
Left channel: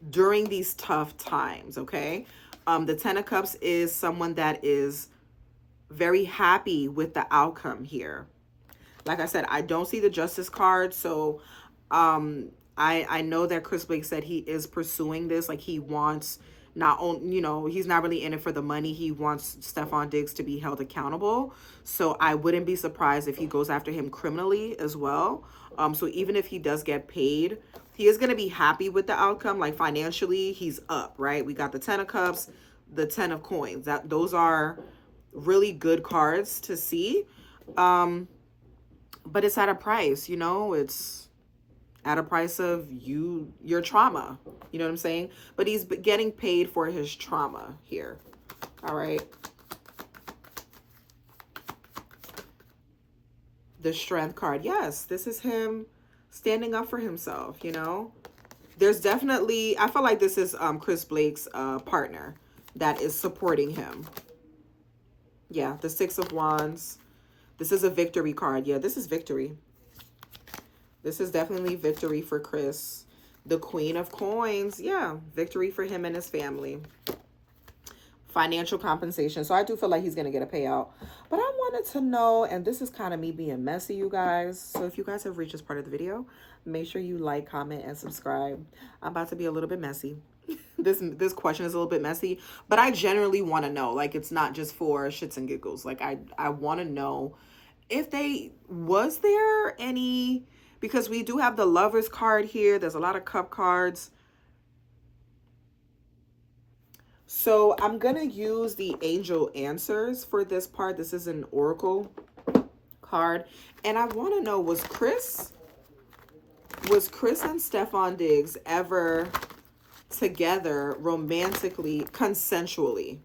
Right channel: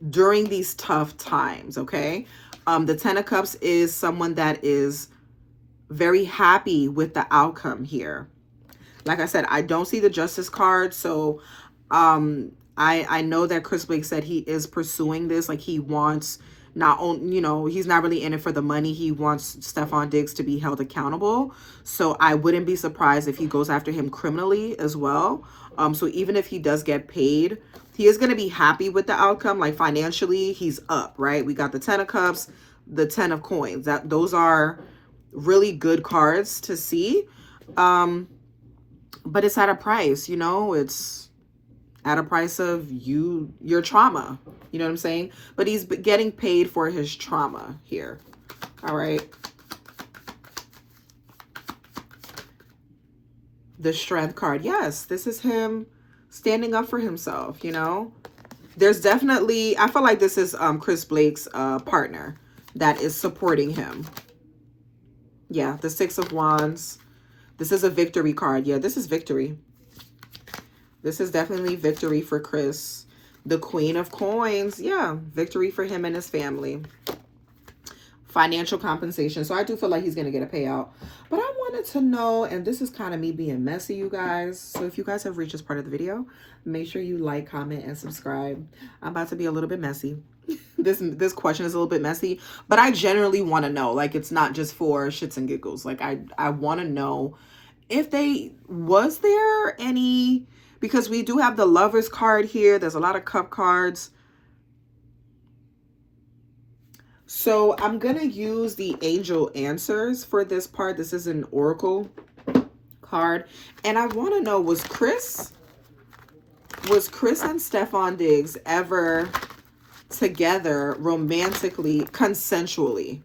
During these tough times, okay? The Ten of Cups is someone that is very happy with the outcome here. Like I said, I don't see the Justice card, so I know that Chris Blake said he is pursuing this. Like, he wants not only, you know, he's not really in it for the money. He wants STEFFON DIGGS to be held accountable. So I wouldn't be surprised if he goes after him criminally as well. So even if he does get paid, he is going to be happy with the outcome. Like, financially, he's up, right? We got the Ten of Cups, the Ten of Coins. Those are really good cards to see. But it's at a price, you know, it's at a price of your trauma, you know what I'm saying? But he's getting paid for his trauma here. All right. The Strength card. Yes, this is him standing up for himself, you know? There's definitely, I feel like this is Chris Blake's partner that is supporting him. Yeah, the Six of Wands. This is a victory card. Yeah, this is victory. This is definitely victory for Chris. The Queen of Coins. Yeah, victory for him and his family. Financial compensation. So I do feel like he's going to get a payout. But I wanted to know, and this is kind of me being messy, you guys. So if you guys have reached this part of the video, make sure you like, comment, and subscribe. I'm about to be a little bit messy. This question is a little bit messy, but I generally want to know. Like, it's not just for shits and giggles. Like, I want to know if was there any, because we do have the Lovers card here. There's a lot of cup cards. So I'm going to use the angel answers for this part. This is an oracle card. And I want to know, was Chris and STEFFON DIGGS ever together romantically, consensually?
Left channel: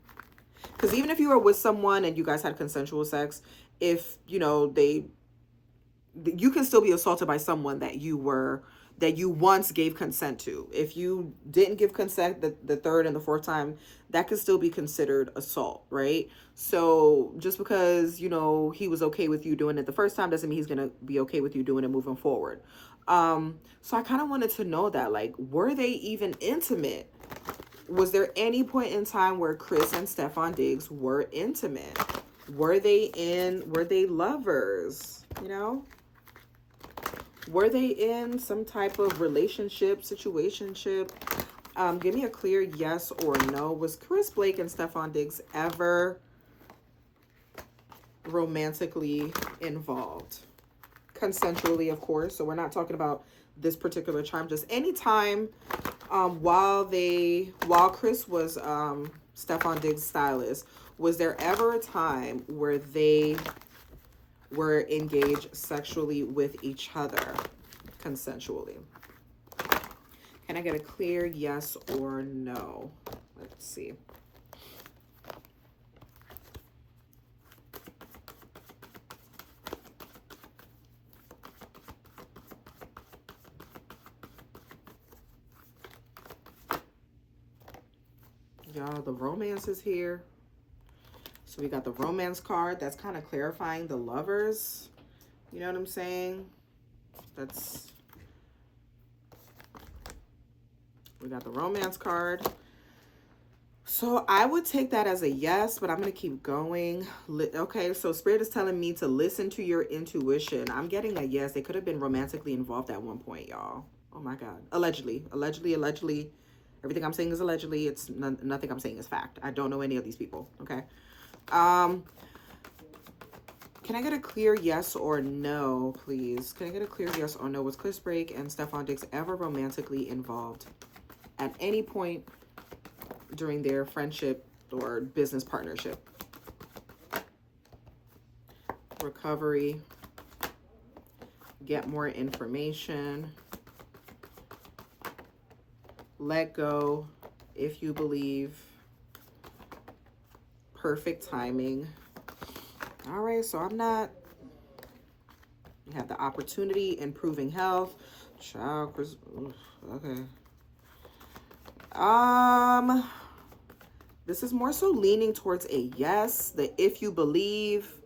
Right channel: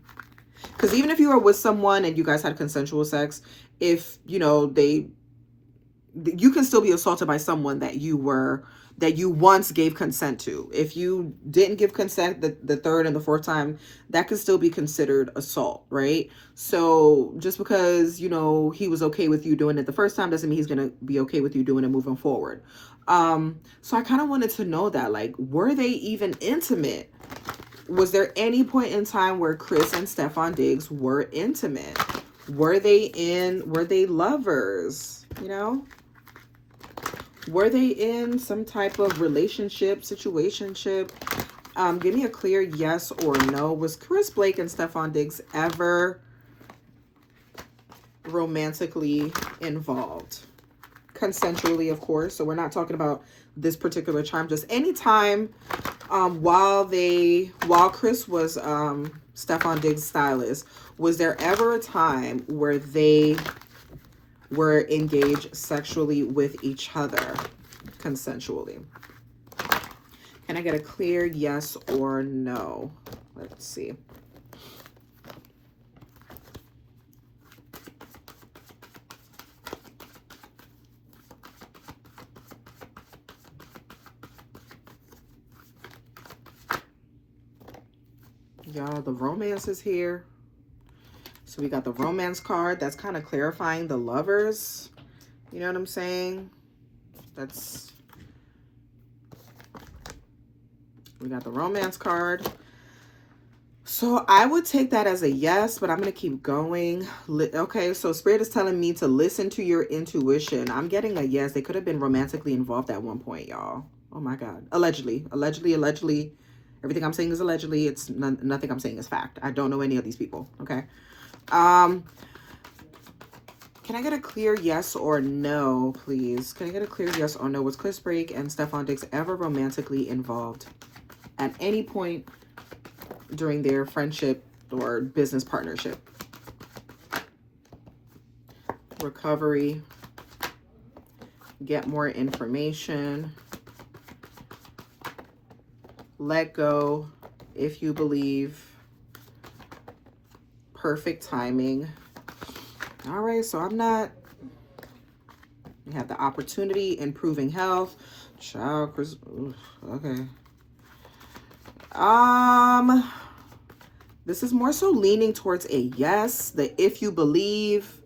Because even if you were with someone and you guys had consensual sex, if, you know, you can still be assaulted by someone that you once gave consent to. If you didn't give consent the third and the fourth time, that could still be considered assault, right? So just because, you know, he was okay with you doing it the first time doesn't mean he's going to be okay with you doing it moving forward. So I kind of wanted to know that, like, were they even intimate? Was there any point in time where Chris and STEFFON DIGGS were intimate? Were they lovers, you know? Were they in some type of relationship, situationship? Give me a clear yes or no. Was Chris Blake and STEFFON DIGGS ever romantically involved? Consensually, of course. So we're not talking about this particular time. Just any time while Chris was STEFFON DIGGS' stylist, was there ever a time where they were engaged sexually with each other consensually? Can I get a clear yes or no? Let's see. Y'all, the romance is here. So we got the romance card. That's kind of clarifying the lovers. You know what I'm saying? We got the romance card. So I would take that as a yes, but I'm going to keep going. Okay, so Spirit is telling me to listen to your intuition. I'm getting a yes. They could have been romantically involved at one point, y'all. Oh my God. Allegedly. Everything I'm saying is allegedly. It's nothing I'm saying is fact. I don't know any of these people. Okay. Can I get a clear yes or no, please? Can I get a clear yes or no? Was Chris Blake and STEFFON DIGGS ever romantically involved at any point during their friendship or business partnership? Recovery. Get more information. Let go if you believe. Perfect timing. All right, so we have the opportunity, improving health. Child, Chris, okay. This is more so leaning towards a yes. The if you believe,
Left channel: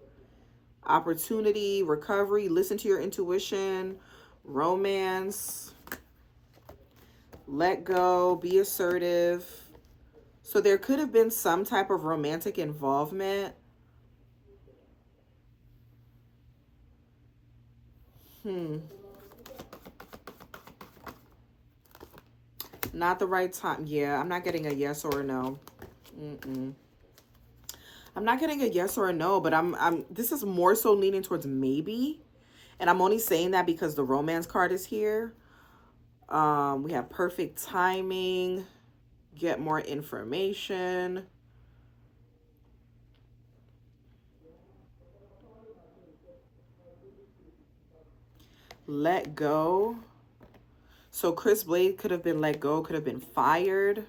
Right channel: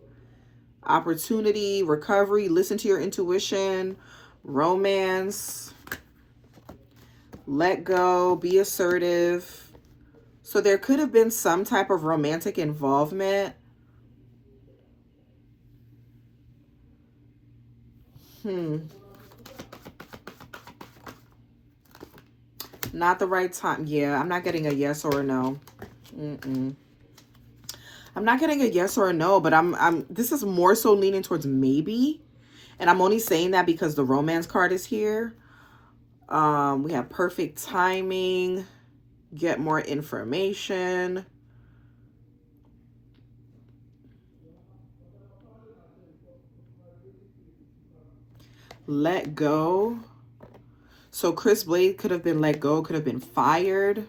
opportunity, recovery, listen to your intuition, romance. Let go, be assertive. So there could have been some type of romantic involvement. Not the right time. Yeah, I'm not getting a yes or a no. I'm not getting a yes or a no, but this is more so leaning towards maybe. And I'm only saying that because the romance card is here. We have perfect timing, get more information. Let go. So Chris Blade could have been let go, could have been fired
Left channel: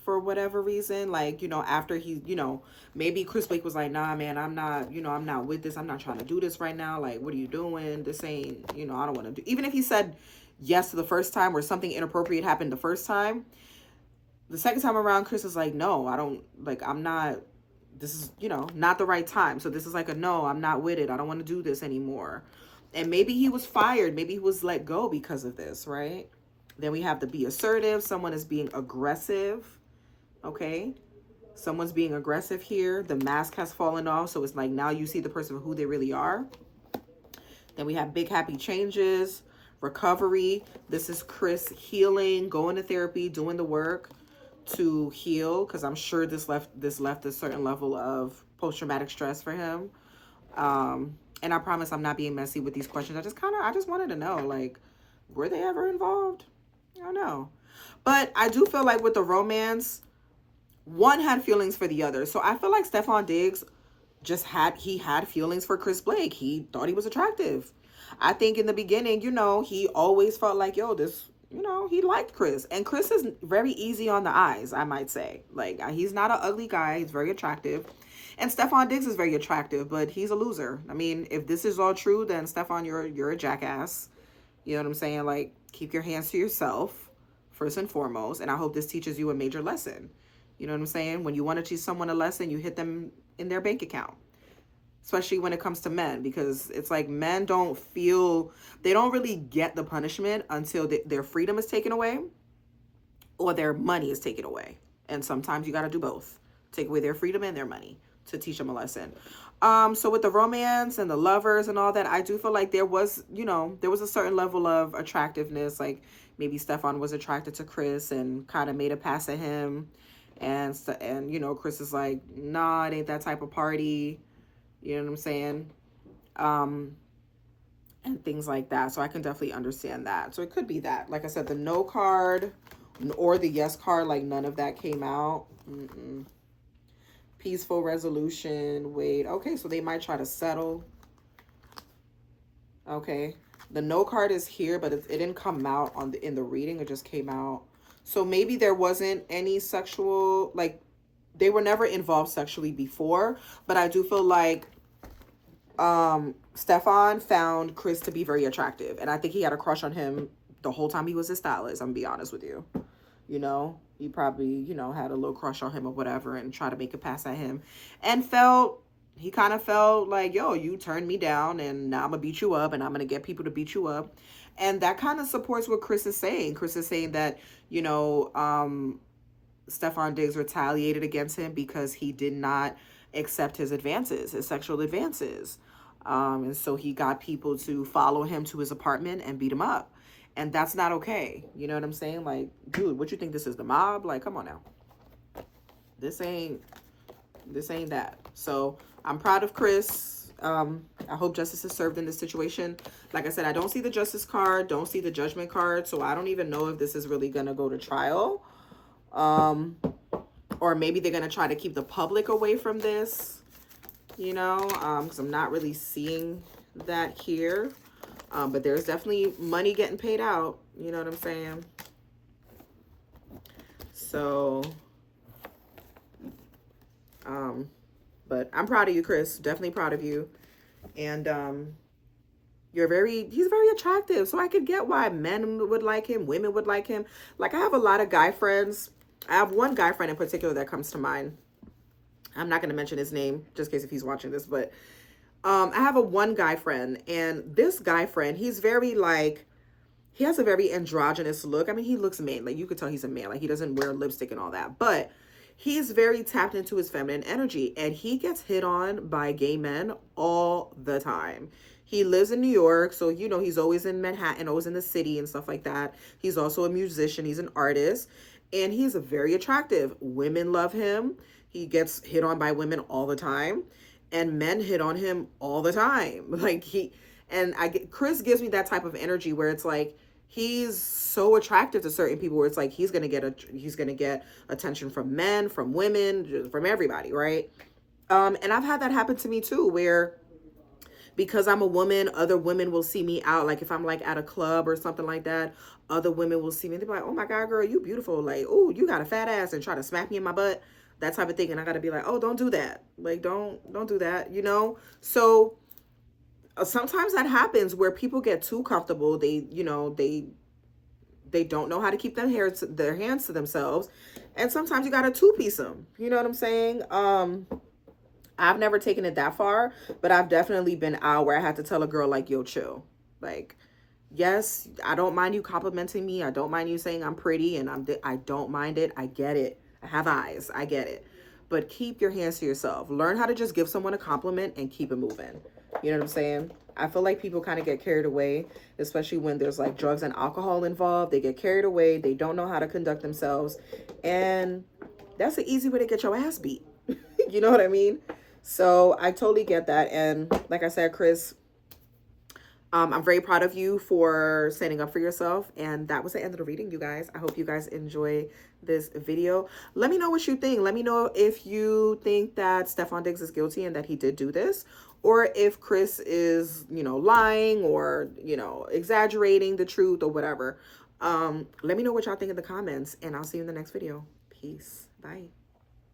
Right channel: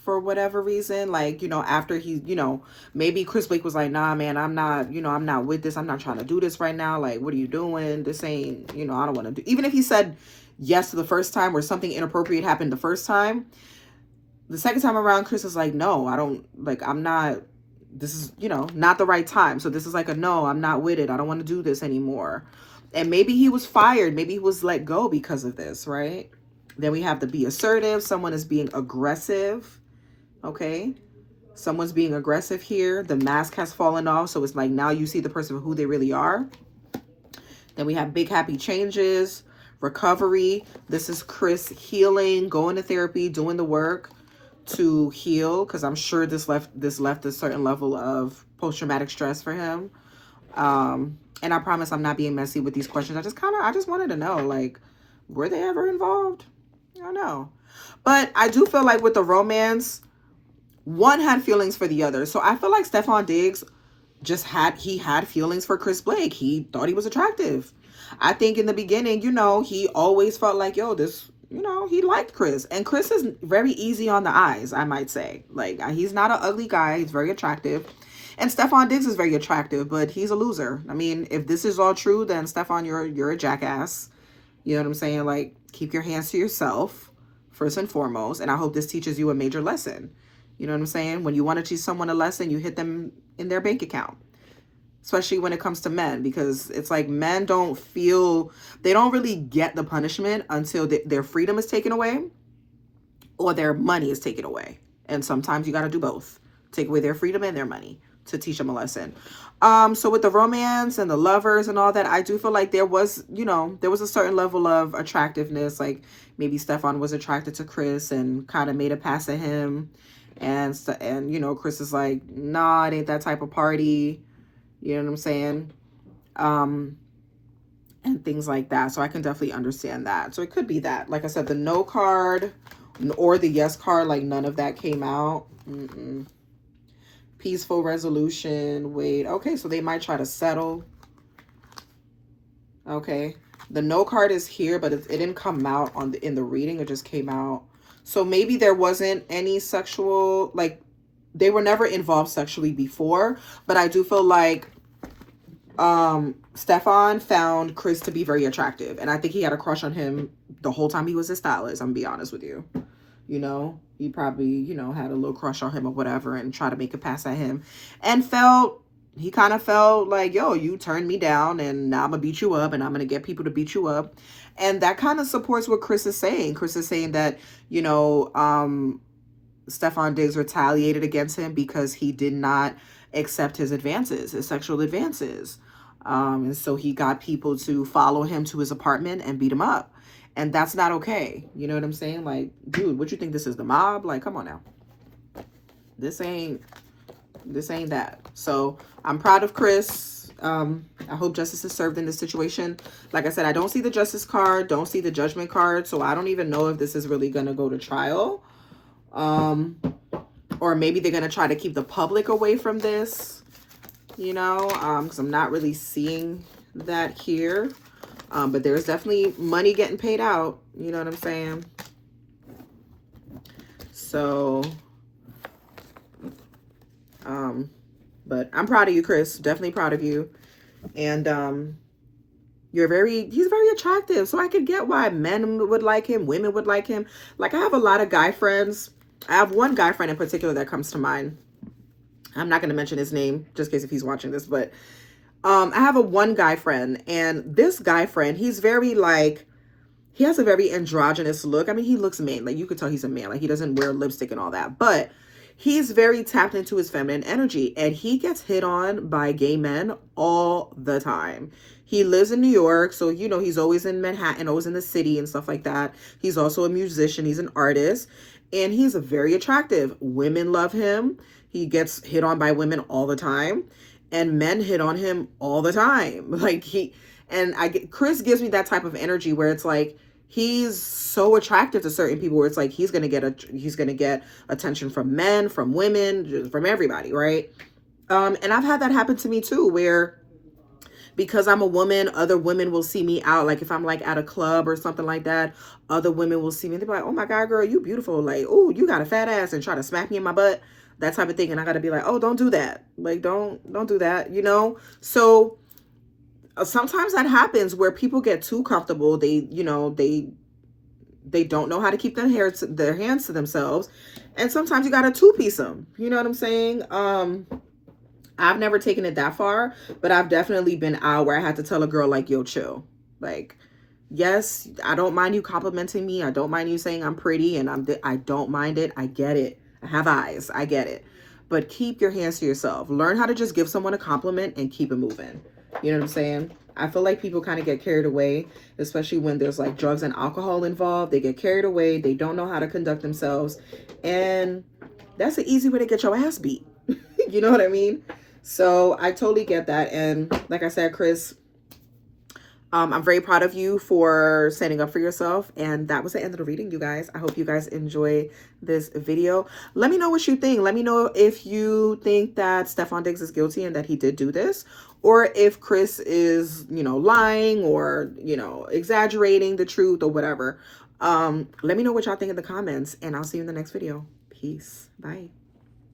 for whatever reason. Like, you know, after he, you know, maybe Chris Blake was like, nah, man, I'm not, you know, I'm not with this. I'm not trying to do this right now. Like, what are you doing? This ain't, you know, I don't want to do. Even if he said yes to the first time or something inappropriate happened the first time, the second time around, Chris is like, no, I don't, like, I'm not, this is, you know, not the right time. So this is like a no, I'm not with it. I don't want to do this anymore. And maybe he was fired. Maybe he was let go because of this, right? Then we have the be assertive. Someone is being aggressive. Okay. Someone's being aggressive here. The mask has fallen off. So it's like now you see the person for who they really are. Then we have big happy changes, recovery. This is Chris healing, going to therapy, doing the work to heal. Because I'm sure this left a certain level of post-traumatic stress for him. And I promise I'm not being messy with these questions. I just wanted to know, like, were they ever involved? I don't know. But I do feel like with the romance, one had feelings for the other. So I feel like Stefon Diggs had feelings for Chris Blake. He thought he was attractive. I think in the beginning, you know, he always felt like, yo, this, you know, he liked Chris. And Chris is very easy on the eyes, I might say. Like, he's not an ugly guy. He's very attractive. And Stefon Diggs is very attractive, but he's a loser. I mean, if this is all true, then Stefon, you're a jackass. You know what I'm saying? Like, keep your hands to yourself, first and foremost. And I hope this teaches you a major lesson. You know what I'm saying? When you want to teach someone a lesson, you hit them in their bank account. Especially when it comes to men, because it's like men don't really get the punishment until their freedom is taken away or their money is taken away. And sometimes you got to do both. Take away their freedom and their money to teach them a lesson. So with the romance and the lovers and all that, I do feel like there was, you know, there was a certain level of attractiveness. Like maybe Stefon was attracted to Chris and kind of made a pass at him. And you know, Chris is like, nah, it ain't that type of party. You know what I'm saying? And things like that. So I can definitely understand that. So it could be that. Like I said, the no card or the yes card, like none of that came out. Peaceful resolution. Wait. Okay, so they might try to settle. Okay. The no card is here, but it didn't come out in the reading. It just came out. So maybe there wasn't any sexual, like, they were never involved sexually before, but I do feel like Stefon found Chris to be very attractive, and I think he had a crush on him the whole time he was a stylist. I'm gonna be honest with you. You know, he probably, you know, had a little crush on him or whatever and tried to make a pass at him, and he kind of felt like, yo, you turned me down and now I'm gonna beat you up and I'm gonna get people to beat you up. And that kind of supports what Chris is saying. Chris is saying that, you know, Stefon Diggs retaliated against him because he did not accept his advances, his sexual advances. And so he got people to follow him to his apartment and beat him up. And that's not okay. You know what I'm saying? Like, dude, what you think this is, the mob? Like, come on now. This ain't that. So I'm proud of Chris. I hope justice is served in this situation. Like I said, I don't see the justice card, don't see the judgment card. So I don't even know if this is really going to go to trial. Or maybe they're going to try to keep the public away from this, you know, because I'm not really seeing that here. But there's definitely money getting paid out. You know what I'm saying? So, but I'm proud of you, Chris. Definitely proud of you. And, he's very attractive. So I could get why men would like him, women would like him. Like, I have a lot of guy friends. I have one guy friend in particular that comes to mind. I'm not going to mention his name just in case if he's watching this, but I have one guy friend, and this guy friend, he's very like, he has a very androgynous look. I mean, he looks man. Like, you could tell he's a man. Like, he doesn't wear lipstick and all that. But he's very tapped into his feminine energy. And he gets hit on by gay men all the time. He lives in New York. So, you know, he's always in Manhattan, always in the city and stuff like that. He's also a musician. He's an artist. And he's very attractive. Women love him. He gets hit on by women all the time. And men hit on him all the time. Like, Chris gives me that type of energy where it's like, he's so attractive to certain people where it's like he's gonna get attention from men, from women, from everybody, right? And I've had that happen to me too, where because I'm a woman, other women will see me out. Like if I'm like at a club or something like that, other women will see me and they'll be like, oh my God, girl, you beautiful. Like, oh, you got a fat ass, and try to smack me in my butt, that type of thing. And I gotta be like, oh, don't do that. Like, don't do that, you know? So sometimes that happens where people get too comfortable. They, you know, they don't know how to keep their hands to themselves. And sometimes you got to two-piece them. You know what I'm saying? I've never taken it that far, but I've definitely been out where I had to tell a girl like, yo, chill. Like, yes, I don't mind you complimenting me. I don't mind you saying I'm pretty, and I don't mind it. I get it. I have eyes. I get it. But keep your hands to yourself. Learn how to just give someone a compliment and keep it moving. You know what I'm saying? I feel like people kind of get carried away, especially when there's like drugs and alcohol involved. They get carried away. They don't know how to conduct themselves. And that's an easy way to get your ass beat. You know what I mean? So I totally get that. And like I said, Chris, I'm very proud of you for standing up for yourself. And that was the end of the reading, you guys. I hope you guys enjoy this video. Let me know what you think. Let me know if you think that STEFFON DIGGS is guilty and that he did do this, or if Chris is, you know, lying or, you know, exaggerating the truth or whatever. Let me know what y'all think in the comments, and I'll see you in the next video. Peace. Bye.